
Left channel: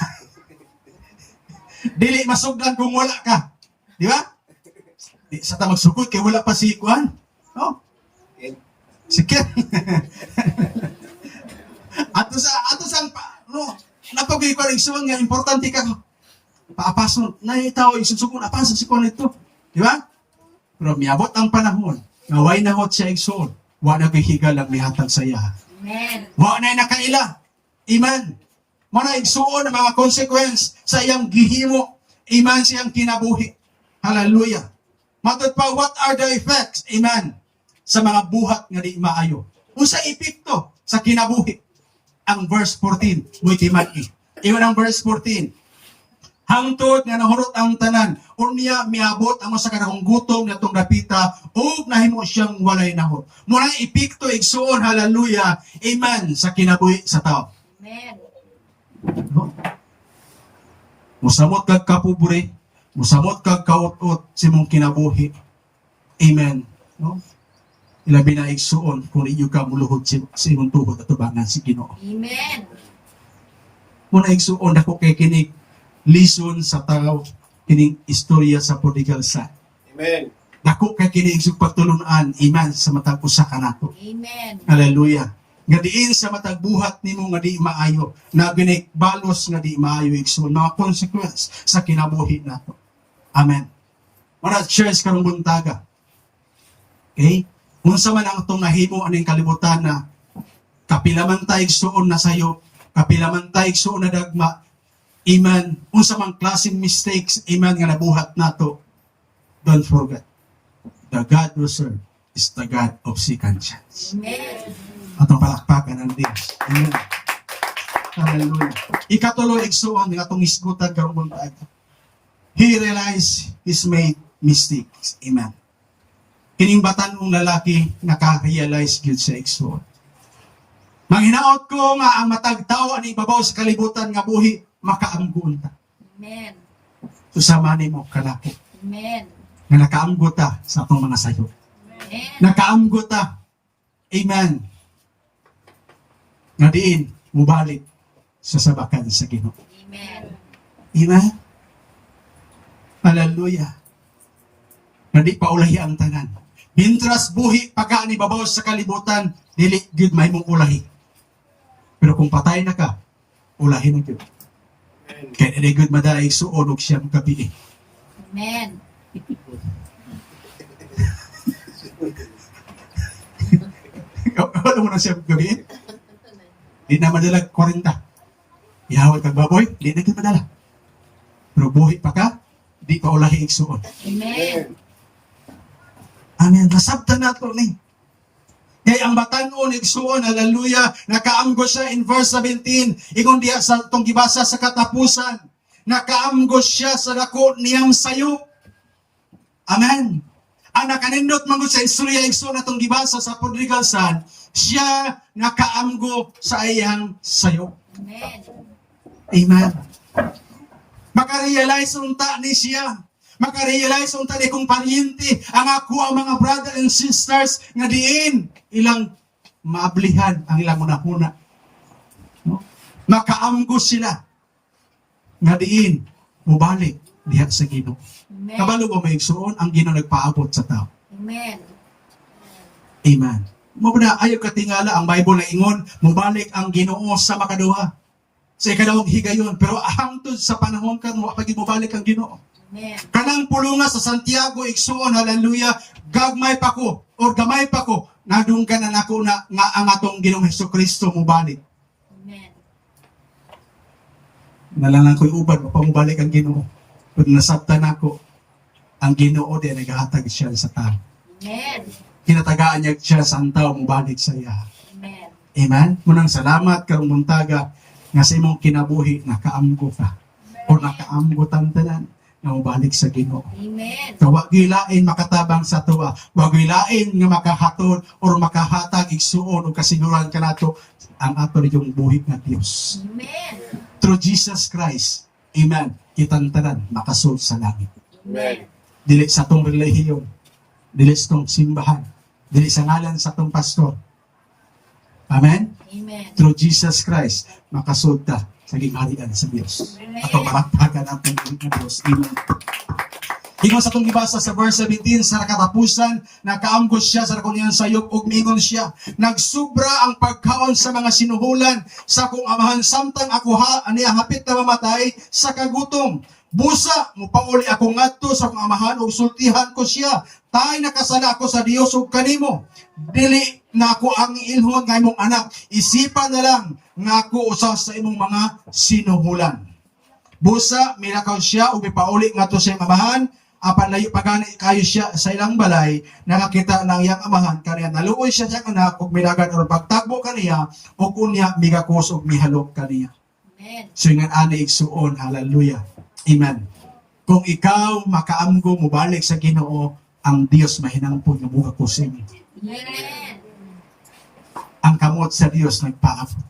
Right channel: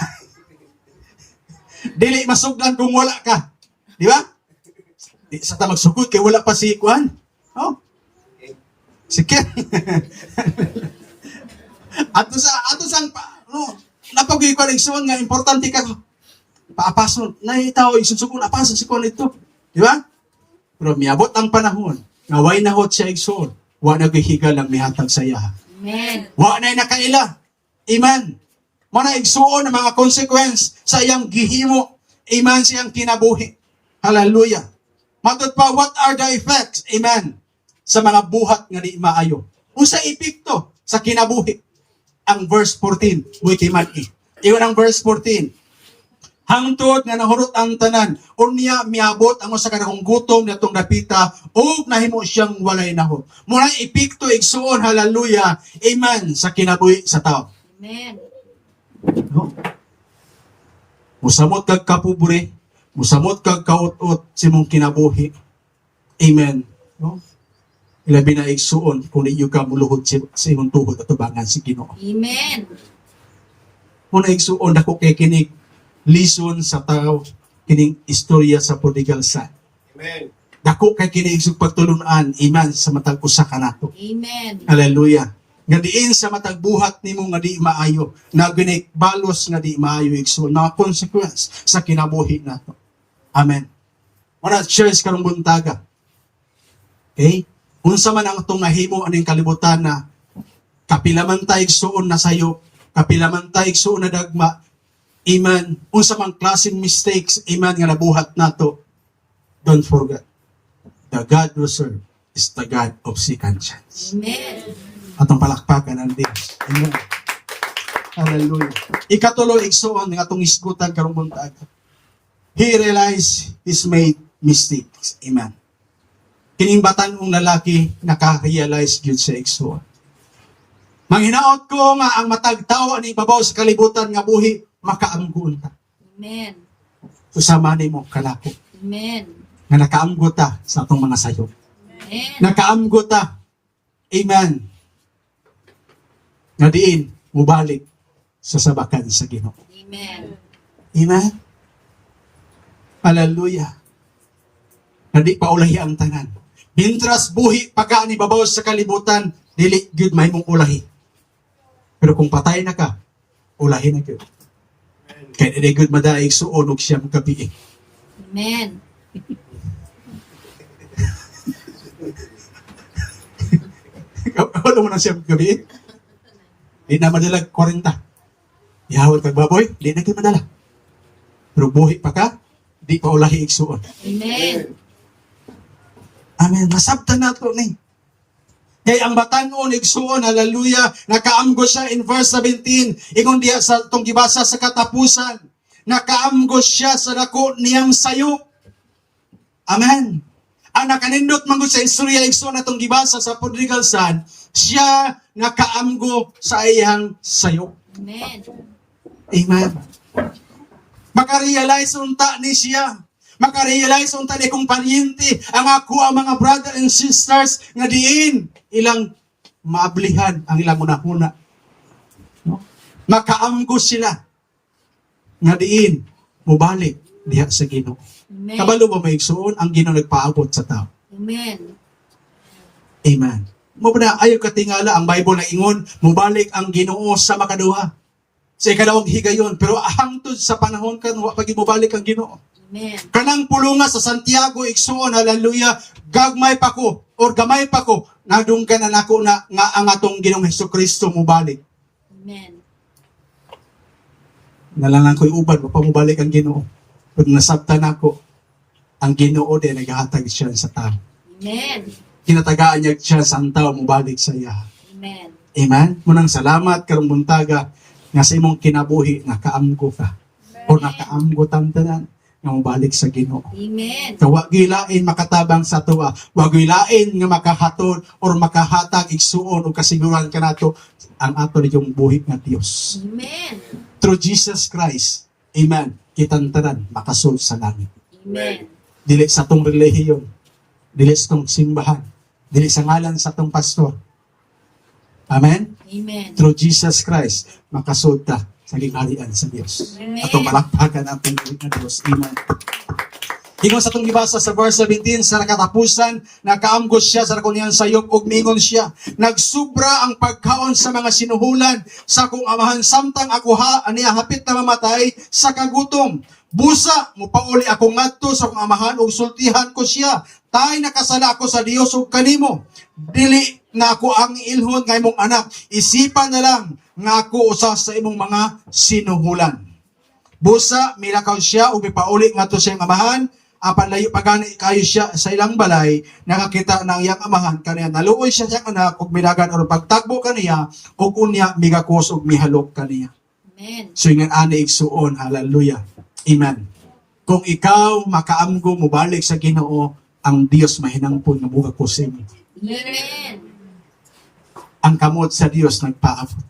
Dili masugdan kung wala ka. Di ba? Di sa ta magsugod kay wala pa si Kuan. Oh. Si Ken. ato sa no, napagay ko rin suwan nga importante ka. Paapason na itaw isusugon apason si Kuan ito. Di ba? Pero miabot ang panahon. Ngaway na hot siya igsoon. Wa na gihigal ang mihatag sa iya. Amen. Wa na nakaila. Amen. Mana igsuon ang mga consequence sa iyang gihimo. Amen siyang kinabuhi. Hallelujah. Matod pa, what are the effects? Amen. Sa mga buhat nga di maayo. Usa epekto sa kinabuhi. Ang verse 14. Uy, timani. Iyon ang verse 14. Hangtod nga nahurot ang tanan. Unya miabot ang usa ka dakong gutom natong dapita ug nahimo siyang walay nahot. Muna epekto igsuon, hallelujah. Amen sa kinabuhi sa tao. Amen. No? Musamot kag kapobre, musamot kag kaut-ut si mong kinabuhi. Amen. No? Ilabi na igsuon kung iyo ka muluhod sa imong tuhod at tubangan si Ginoo. Amen. Muna igsuon ako kay kinig lison sa tao kining istorya sa prodigal son. Amen. Dako kay kinig sug pagtulunan iman sa matag usa ka nato. Amen. Hallelujah. Nga diin sa matag buhat nimo nga di maayo, na balos nga di maayo igsuon mga consequence sa kinabuhi nato. Amen. Muna church karong buntaga. Okay? Unsa man ang itong nahimo aning kalibutan na kapilaman tayo igsuon na sayo, kapilaman tayo igsuon na dagma, iman, unsa man klaseng mistakes, iman nga nabuhat nato, don't forget, the God we serve is the God of second chance. Amen. Atong palakpakan ang Diyos. Amen. Hallelujah. Ikatulo, igsuon ng atong isgutan karong buntag. He realized he's made mistakes. Amen. Kining batanong lalaki naka-realize gyud sa igsuon. Manghinaot ko nga ang matag tawo ani babaw sa kalibutan nga buhi makaamgon ta. Amen. Susama nimo kalako Amen. nga nakaamgo ta sa atong mga sayo. Amen. Nakaamgo ta. Amen. Nga diin mubalik sa sabakan sa Ginoo. Amen. Amen. Hallelujah. Nga di pa ulahi ang tanan. Bintras buhi pagka ni babaw sa kalibutan, dili gyud mahimong ulahi. Pero kung patay na ka, ulahi na gyud. Kaya dili gyud madaig suon og siyang gabi. Amen. Wala mo na siyang gabi. Di na madalag 40. Ihawal kag baboy, di na gyud madala. Pero buhi pa ka, di pa ulahi igsuon. Amen. Amen. Nasabtan na ito ni. Kaya ang batanon, igsuon, hallelujah, nakaamgo siya in verse 17, ingon diya sa itong gibasa sa katapusan, nakaamgo siya sa dako niyang sayo. Amen. Ang nakanindot manggod sa istorya, igsuon atong gibasa sa prodigal son, siya nakaamgo sa iyang sayo. Amen. Amen. Makarealize unta ni siya. Makarealize unta ni kong paryente ang ako ang mga brother and sisters nga diin ilang maablihan ang ilang una-una. No? Makaamgo sila nga diin mubalik diha sa Ginoo. Amen. Kabalo ba maigsuon ang Ginoo nagpaabot sa tao? Amen. Amen. Mo ba ayaw katingala ang Bible na ingon mubalik ang Ginoo sa makaduha. Sa ikadawang higayon pero hangtod sa panahon kan wa pagi mubalik ang Ginoo. Amen. Kanang pulunga sa Santiago igsuon hallelujah gagmay pa ko or gamay pa ko nadunggan na nako na nga ang atong Ginoong Hesukristo mubalik. Amen. Nalangan ko'y ubad pa mubalik ang Ginoo. Pag nasabtan nako ang Ginoo din nagahatag siya sa tao. Amen. Kinatagaan niya siya sa tao mubalik sa iya. Amen. Amen. Munang salamat karong buntaga nga sa imong kinabuhi nakaamgo ka o nakaamgo tantanan nga mubalik sa Ginoo. Amen. So, wag gilain makatabang sa tuwa. Wag gilain nga makahatod or makahatag igsuon o kasiguran kanato ang ato nitong buhi nga Dios. Amen. Through Jesus Christ, amen, kitantanan makasud sa langit. Amen. Dili sa tong relihiyon, dili sa tong simbahan, dili sa ngalan sa tong pastor. Amen? Amen. Through Jesus Christ, makasud ta sa gingarian sa Dios. Amen. Ato malakpakan ang pagbuhi nga Dios. Amen. Ingon sa itong gibasa sa verse 17, sa nakatapusan, nakaamgos siya sa nakuniyang sayop ug mingon siya, nagsubra ang pagkaon sa mga sinuhulan sa akong amahan samtang ako aniya hapit na mamatay sa kagutom. Busa, mupauli ako ngadto sa akong amahan ug sultihan ko siya. Tay nakasala ako sa Dios ug kanimo. Dili na ako ang ilhon nga imong anak. Isipan na lang nga ako usa sa imong mga sinuhulan. Busa, milakaw siya ug mipauli ngadto sa iyang amahan. Apan layo pagani kayo siya sa ilang balay, nakakita ng iyang amahan kaniya. Naluoy siya siyang anak ug minagan or pagtakbo kaniya ug unya migakos ug mihalok kaniya. Amen. So yung ani igsuon, hallelujah. Amen. Kung ikaw makaamgo mo balik sa Ginoo, ang Dios mahinangpon nga muga kusim. Amen. Ang kamot sa Dios nagpaabot.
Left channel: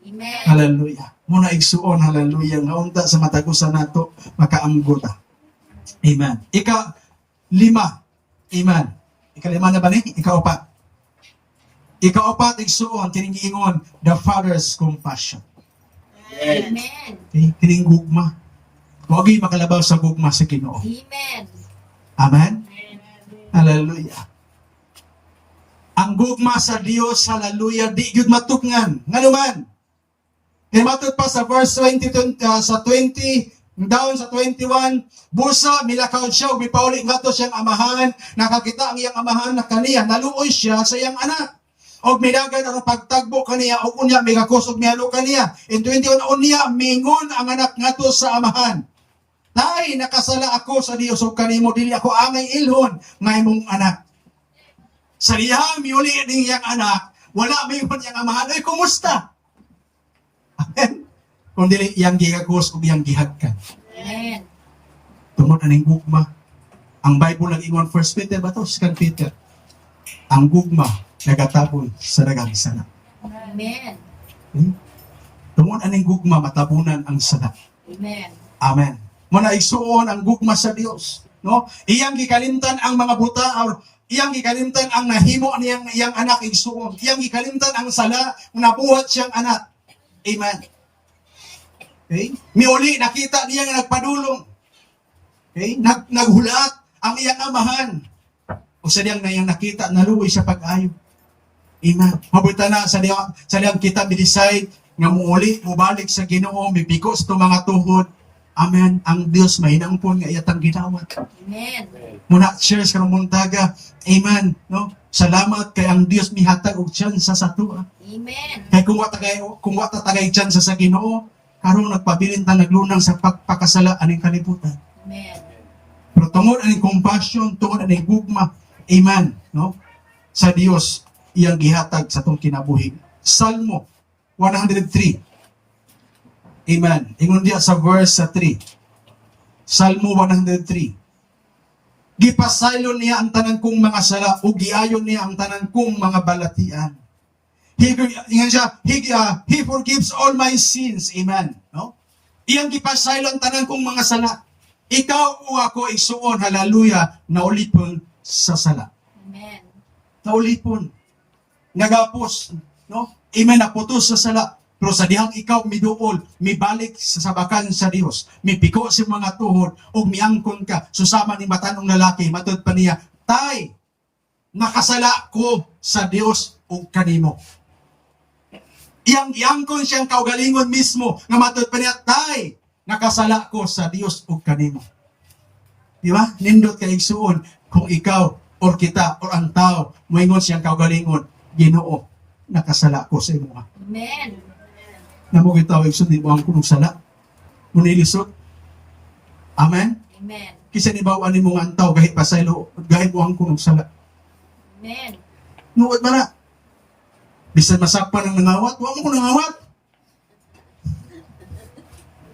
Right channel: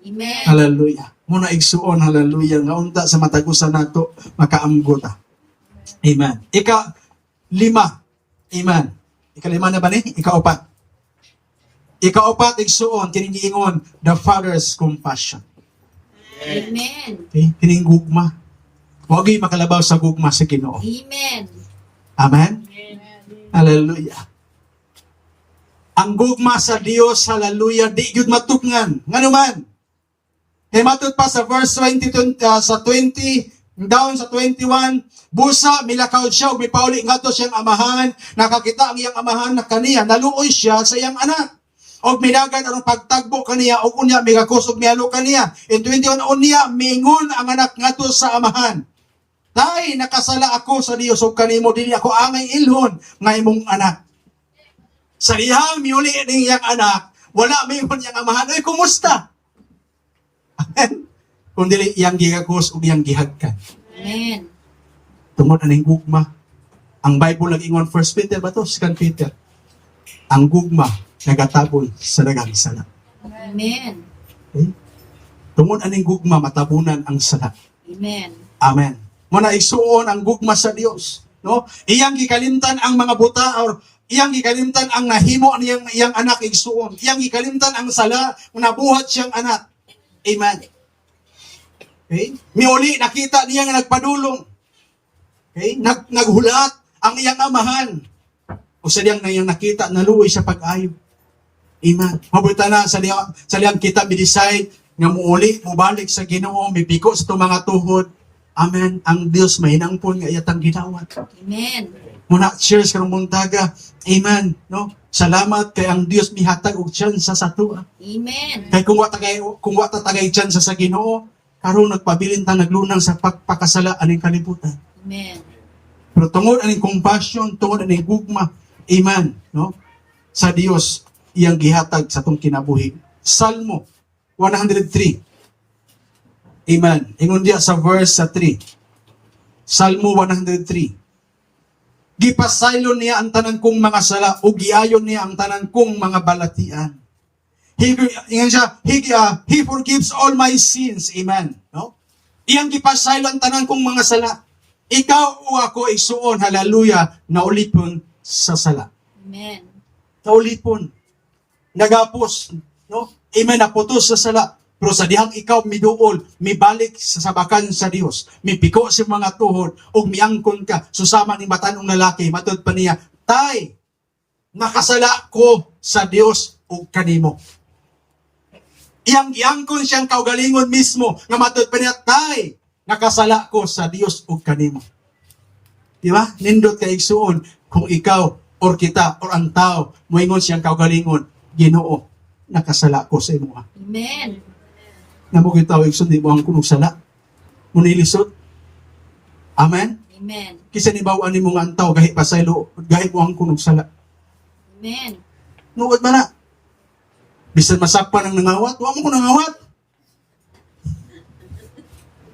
Amen. Hallelujah. Muna igsuon, hallelujah, nga unta sa matagusan nato makaamgota. Amen. Ika-lima. Amen. Ika-lima na ba ni? Ika-upat. Ika-upat igsuon kining giingon, the Father's compassion. Amen. Okay? Kining gugma. Huwag kayo makalabaw sa gugma sa Ginoo. Amen. Amen? Hallelujah. Ang gugma sa Dios, hallelujah, di gyud matupngan. Nga naman, kaya matut pa sa verse 20, sa 20, down sa 21, busa, milakaw siya, ug mipauli nga to siyang amahan, nakakita ang iyang amahan na kaniya, naluoy siya sa iyang anak. Og midagan ang pagtagbo kaniya, og unya, migakusog miyalo kaniya. In 21, unya, mingon ang anak nga to sa amahan. Tay, nakasala ako sa Dios ug kanimo, dili ako angay ilhon nga imong anak. Sa dihang miuli ning iyang anak, wala mingon iyang amahan, ay kumusta? Amen. Kung dili iyang gigakos ug iyang gihagkan. Amen. Tungod aning gugma. Ang Bible nag-ingon 1 Peter ba to? 2 Peter. Ang gugma nagataboy sa daghang sala. Amen. Okay? Tungod aning gugma matabunan ang sala. Amen. Amen. Muna isuon ang gugma sa Dios, no? Iyang gikalimtan ang mga buta or iyang gikalimtan ang nahimo niyang iyang anak igsuon. Iyang gikalimtan ang sala nga nabuhat siyang anak. Amen. Okay? Miuli nakita niya nga nagpadulong. Okay? Naghulat ang iyang amahan. O sa diyang na iyang nakita, naluoy sa pag-ayo. Amen. Mabuta na sa diyang kita mi-decide nga muuli, mubalik sa Ginoo, mipiko sa itong mga tuhod. Amen. Ang Diyos may nangpon nga iyatang ginawat. Amen. Muna, cheers karong muntaga. Amen. No? Salamat kay ang Diyos mihatag og tsansa sa tuwa. Amen. Kay kung wa ta tagay tsansa sa Ginoo, karon nagpabilin ta naglunang sa pagpakasala aning kalibutan. Amen. Pero tungod aning compassion, tungod aning gugma, amen, no? Sa Dios iyang gihatag sa tong kinabuhi. Salmo 103. Amen. Ingon diya sa verse sa 3. Salmo 103. Gipasaylon niya ang tanan kong mga sala ug giayon niya ang tanan kong mga balatian. He forgives all my sins. Amen. No? Iyang gipasaylon tanan kong mga sala. Ikaw o ako isuon, hallelujah, naulipon sa sala. Amen. Naulipon. Nagapos. No? Amen. Naputos sa sala. Pero sa dihang ikaw miduol, mibalik sa sabakan sa Dios, mipiko sa mga tuhod, ug miangkon ka, susama ni matanong lalaki, matod pa niya, Tay, nakasala ko sa Dios ug kanimo. Iyang giangkon siyang kaugalingon mismo, nga matod pa niya, Tay, nakasala ko sa Dios ug kanimo. Di ba? Nindot kay igsuon, kung ikaw, or kita, or ang tao, moingon siyang kaugalingon, Ginoo, nakasala ko sa imo. Amen. Na mo gitawag sa di mo ang kunog sala. Munilisod. Amen. Amen. Kisa ni bawaan ni mong antaw gahi pasaylo, gahi mo ang kunog sala. Amen. Nuod man na. Bisan masakpan ang nangawat, wa mo ko nangawat.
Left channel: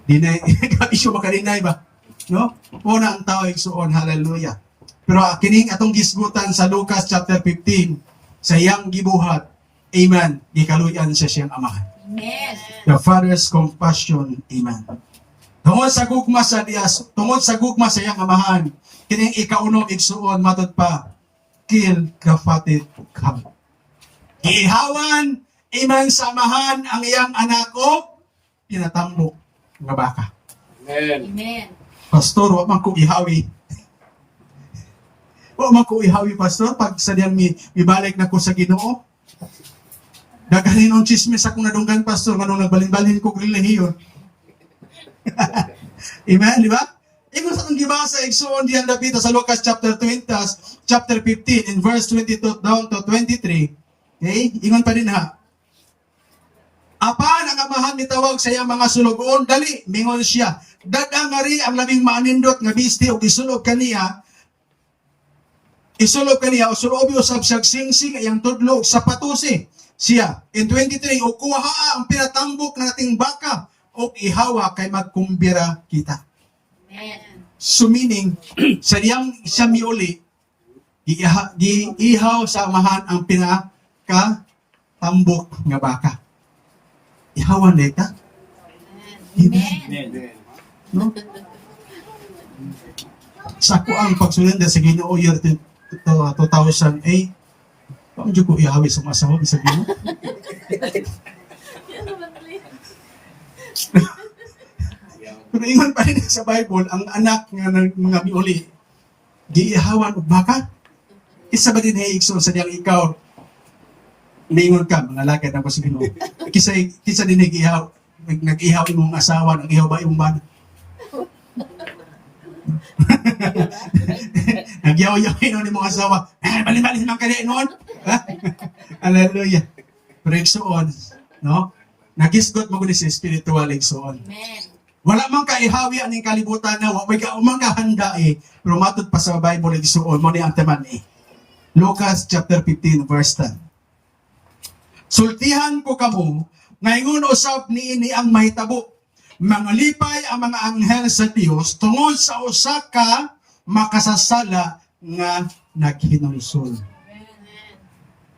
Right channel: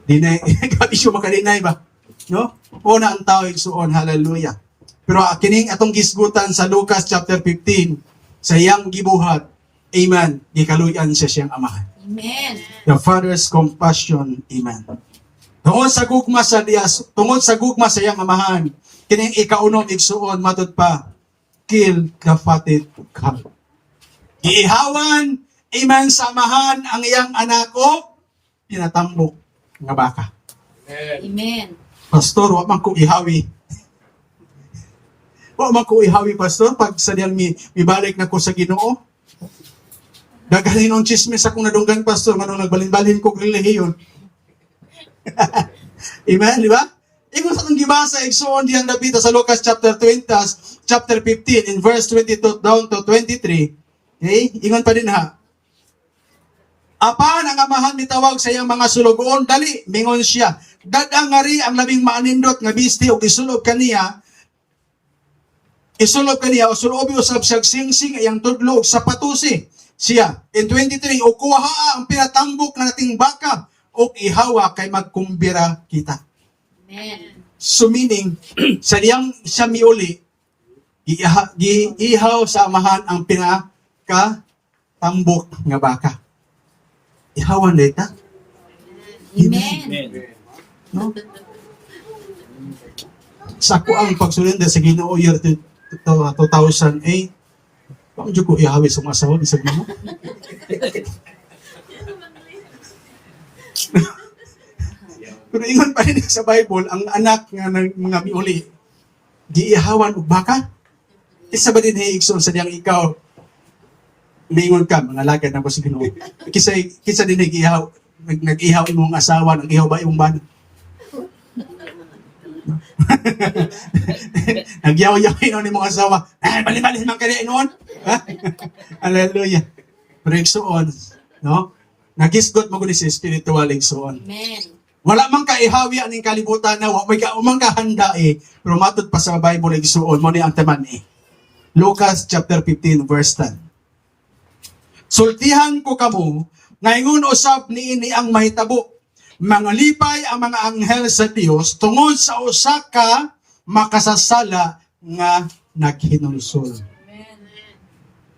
Dinay, isyo makalinay ba? No? Una ang tao igsuon, hallelujah. Pero kining atong gisgutan sa Lucas chapter 15, sa iyang gibuhat, amen, gikaluyan siya siyang amahan. Amen. The Father's compassion. Amen. Tungod sa gugma sa Dios, tungod sa gugma sa iyang amahan, kining ikaunom igsuon matod pa, kill the fatted calf. Iihawan, amen, sa amahan ang iyang anak o pinatambok nga baka. Amen. Pastor, wa man ko ihawi. Wa man ko ihawi, pastor, pag sa diyang mibalik na ko sa Ginoo. Daganin ang chismis akong nadunggan, pastor, nga nung nagbalin-balin ko relihiyon. Amen, di ba? Ingon sa itong gibasa, igsuon diyang David sa Lucas chapter 20, chapter 15, in verse 22 down to 23. Okay? Ingon pa din ha. Apan ang amahan mitawag sa iyang mga sulugoon, dali, mingon siya. Dadangari ang labing maanindot nga bisti o isulog kaniya, o sulobi usab siyag singsing ayang tudlo sa patusi. Siya, in 23, o kuha ang pinatambok na nating baka o ihawa kay magkumbira kita. Amen. So meaning, sa diyang siya miuli, ihaw sa amahan ang pinakatambok nga baka. ihawan na ita. Amen. No? Sa ako ang pagsulanda sa Ginoo year 2008, paano dyan ko ihawi sa mga asawa sa Ginoo? Pero ingon pa rin sa Bible, ang anak nga ng mga miuli, giihawan o baka? Isa ba din igsoon sa diyang ikaw, mingon ka, mga lagad na ko sa Ginoo. Kisa din nag-ihaw, nag-ihaw imong asawa, nag-ihaw ba imong bana? Nagyaw-yaw ni mga asawa, bali-bali naman kayo noon. Hallelujah. Pero igsoon, no? Nagisgot mo sa spiritual igsoon. Amen. Wala man ka ihawi aning kalibutan na wa may ka umang kahanda pero matod pa sa Bible igsuon mo ni ang taman Lucas chapter 15 verse 10. Sultihan ko kamo ngayon usab niini ang mahitabo. Mangalipay ang mga anghel sa Dios tungod sa usa ka makasasala nga naghinulsol.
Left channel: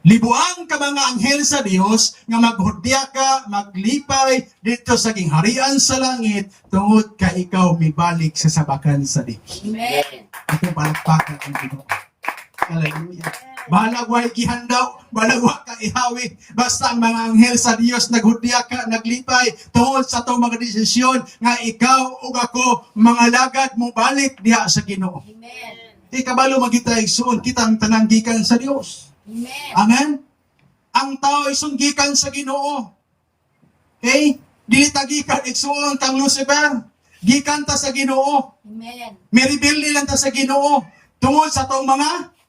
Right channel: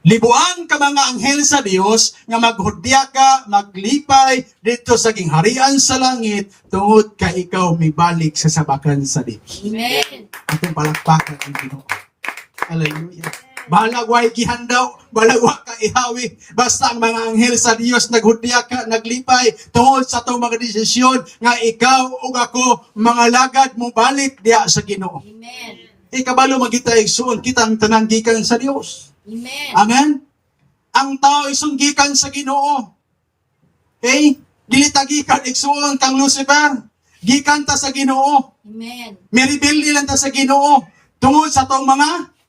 Libuan ka mga anghel sa Dios nga maghudya ka, maglipay dito sa gingharian sa langit tungod ka ikaw mibalik sa sabakan sa Dios. Amen. Itong palakpakan ang Ginoo. Hallelujah. Balag way gihandaw, balag wa ka ihawi. Basta ang mga anghel sa Dios naghudya ka, naglipay tungod sa itong mga desisyon nga ikaw ug ako mga lagad mo balik diha sa Ginoo. Amen. Ikabalo magita igsuon kita ang tanan gikan sa Dios. Amen. Amen? Ang tao ay sunggikan sa Ginoo. Okay? Dili ta gikan igsuon kang Lucifer. Gikan ta sa Ginoo. Amen. Meribel nilang ta sa Ginoo. Tungod sa atong mga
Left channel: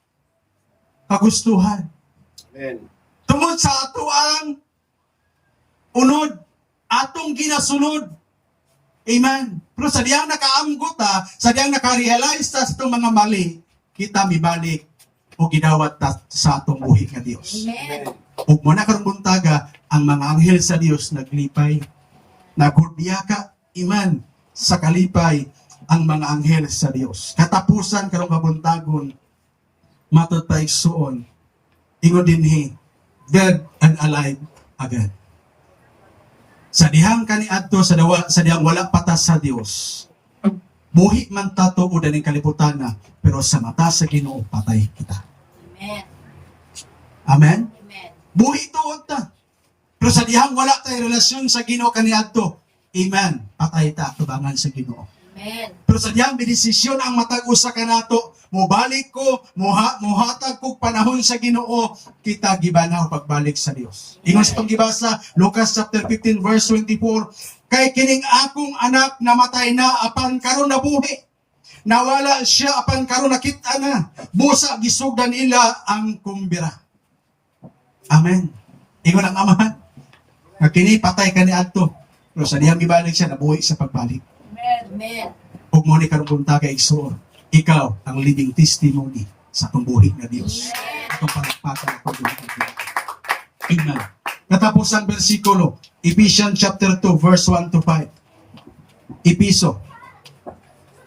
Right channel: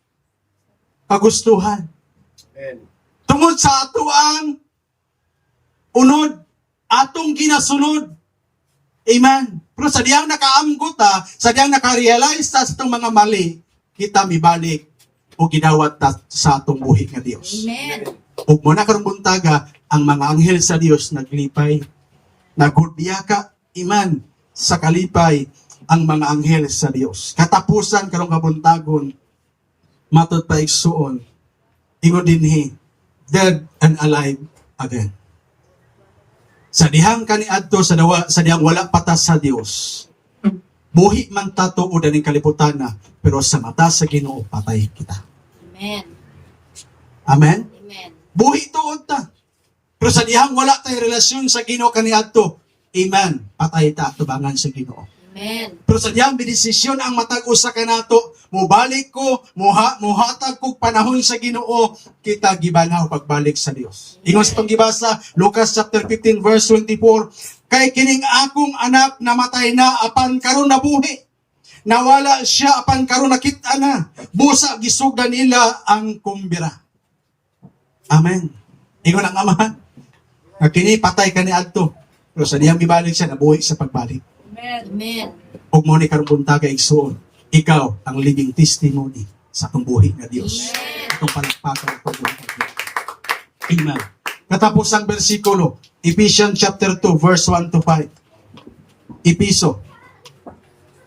kagustuhan. Amen. Tungod sa ato ang unod. Atong ginasunod. Amen. Pero sa diyang nakaamgot ta, sa diyang nakarealize ta sa itong mga mali, kita mibalik o gidawat ta sa atong buhi nga Dios. Amen. Ug mo na karong buntaga ang mga anghel sa Dios naglipay, nagudya ka iman sa kalipay ang mga anghel sa Dios. Katapusan karong kabuntagon matod pa igsuon ingon dinhi dead and alive again. Sa dihang kaniadto sa dihang wala patas sa Dios. Buhi man ta tuod aning kalibutan na, pero sa mata sa Ginoo patay kita. Amen. Amen. Amen. Buhi tuod ta. Pero sa dihang wala tay relasyon sa Ginoo kaniadto, amen, patay ta tubangan sa Ginoo. Amen. Pero sa diyang bidesisyon ang matag usa kanato, mubalik ko, muhatag ko panahon sa Ginoo, kita gibanaw pagbalik sa Dios. Ingon sa panggibasa, Lucas chapter 15 verse 24, kay kining akong anak namatay na apan karon nabuhi. Nawala siya apan karon nakita na. Busa gisugdan nila ang kumbira. Amen. Ingon ang amahan. Kini patay kaniadto. Pero sa diyang gibalik siya nabuhi sa pagbalik. Amen. Ug mo ni karong bunta kay igsoon, ikaw ang living testimony sa atong buhi nga Dios. Atong palakpakan ko Amen. Katapos ang bersikulo, Ephesians chapter 2 verse 1 to 5. Episo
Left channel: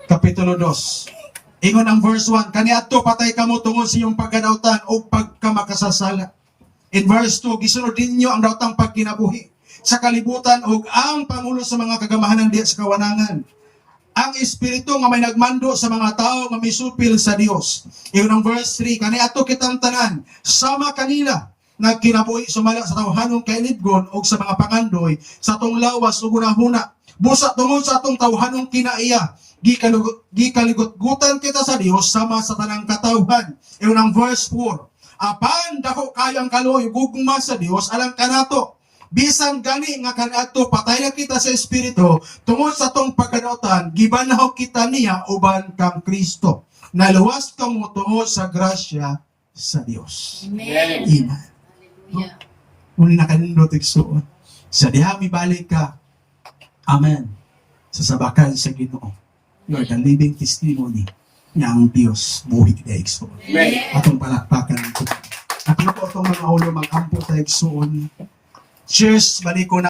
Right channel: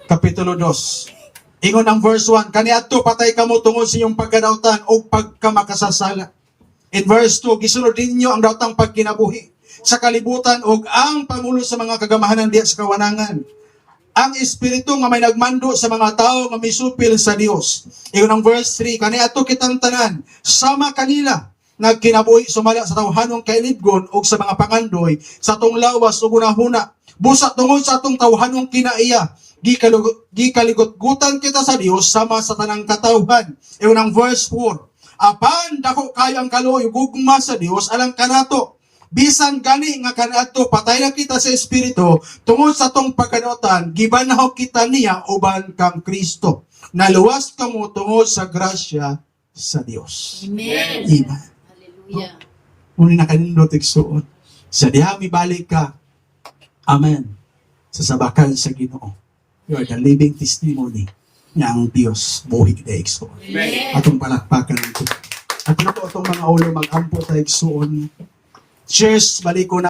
kapitulo 2. Ingon ang verse 1, kaniadto patay kamo tungod sa inyong pagkadautan o pagkamakasasala. In verse 2, gisunod ninyo ang daotang pagkinabuhi sa kalibutan o ang pangulo sa mga kagamahanan diya sa kawanangan. Ang espiritu nga may nagmando sa mga tao nga misupil sa Dios. Iyon ang verse 3, kaniadto kitang tanan sama kanila nagkinabuhi sumala sa tawhanong kainibgon o sa mga pangandoy sa tong lawas o gunahuna. Busa tungod sa atong tawhanong kinaiya, gikaligot-gutan kita sa Dios sama sa tanang katawhan. Iyon ang verse 4, apan dako kayo ang kaloy gugma sa Dios alang kanato. Bisan gani nga kanaadto patay na kita sa espiritu tungod sa tong pagkadautan gibanaw kita niya uban kang Kristo. Naluwas kamo tungod sa grasya sa Dios. Amen. Amen. Hallelujah. Muna na kanindot igsuon. Sa diha mibalik ka. Amen. Sa sabakan sa Ginoo. You are the living testimony nga ang Dios buhi kita igsuon. Amen. Atong palakpakan ang Ginoo. At ano po itong mga ulo magkampo tayo igsuon. Cheers, balik ko na.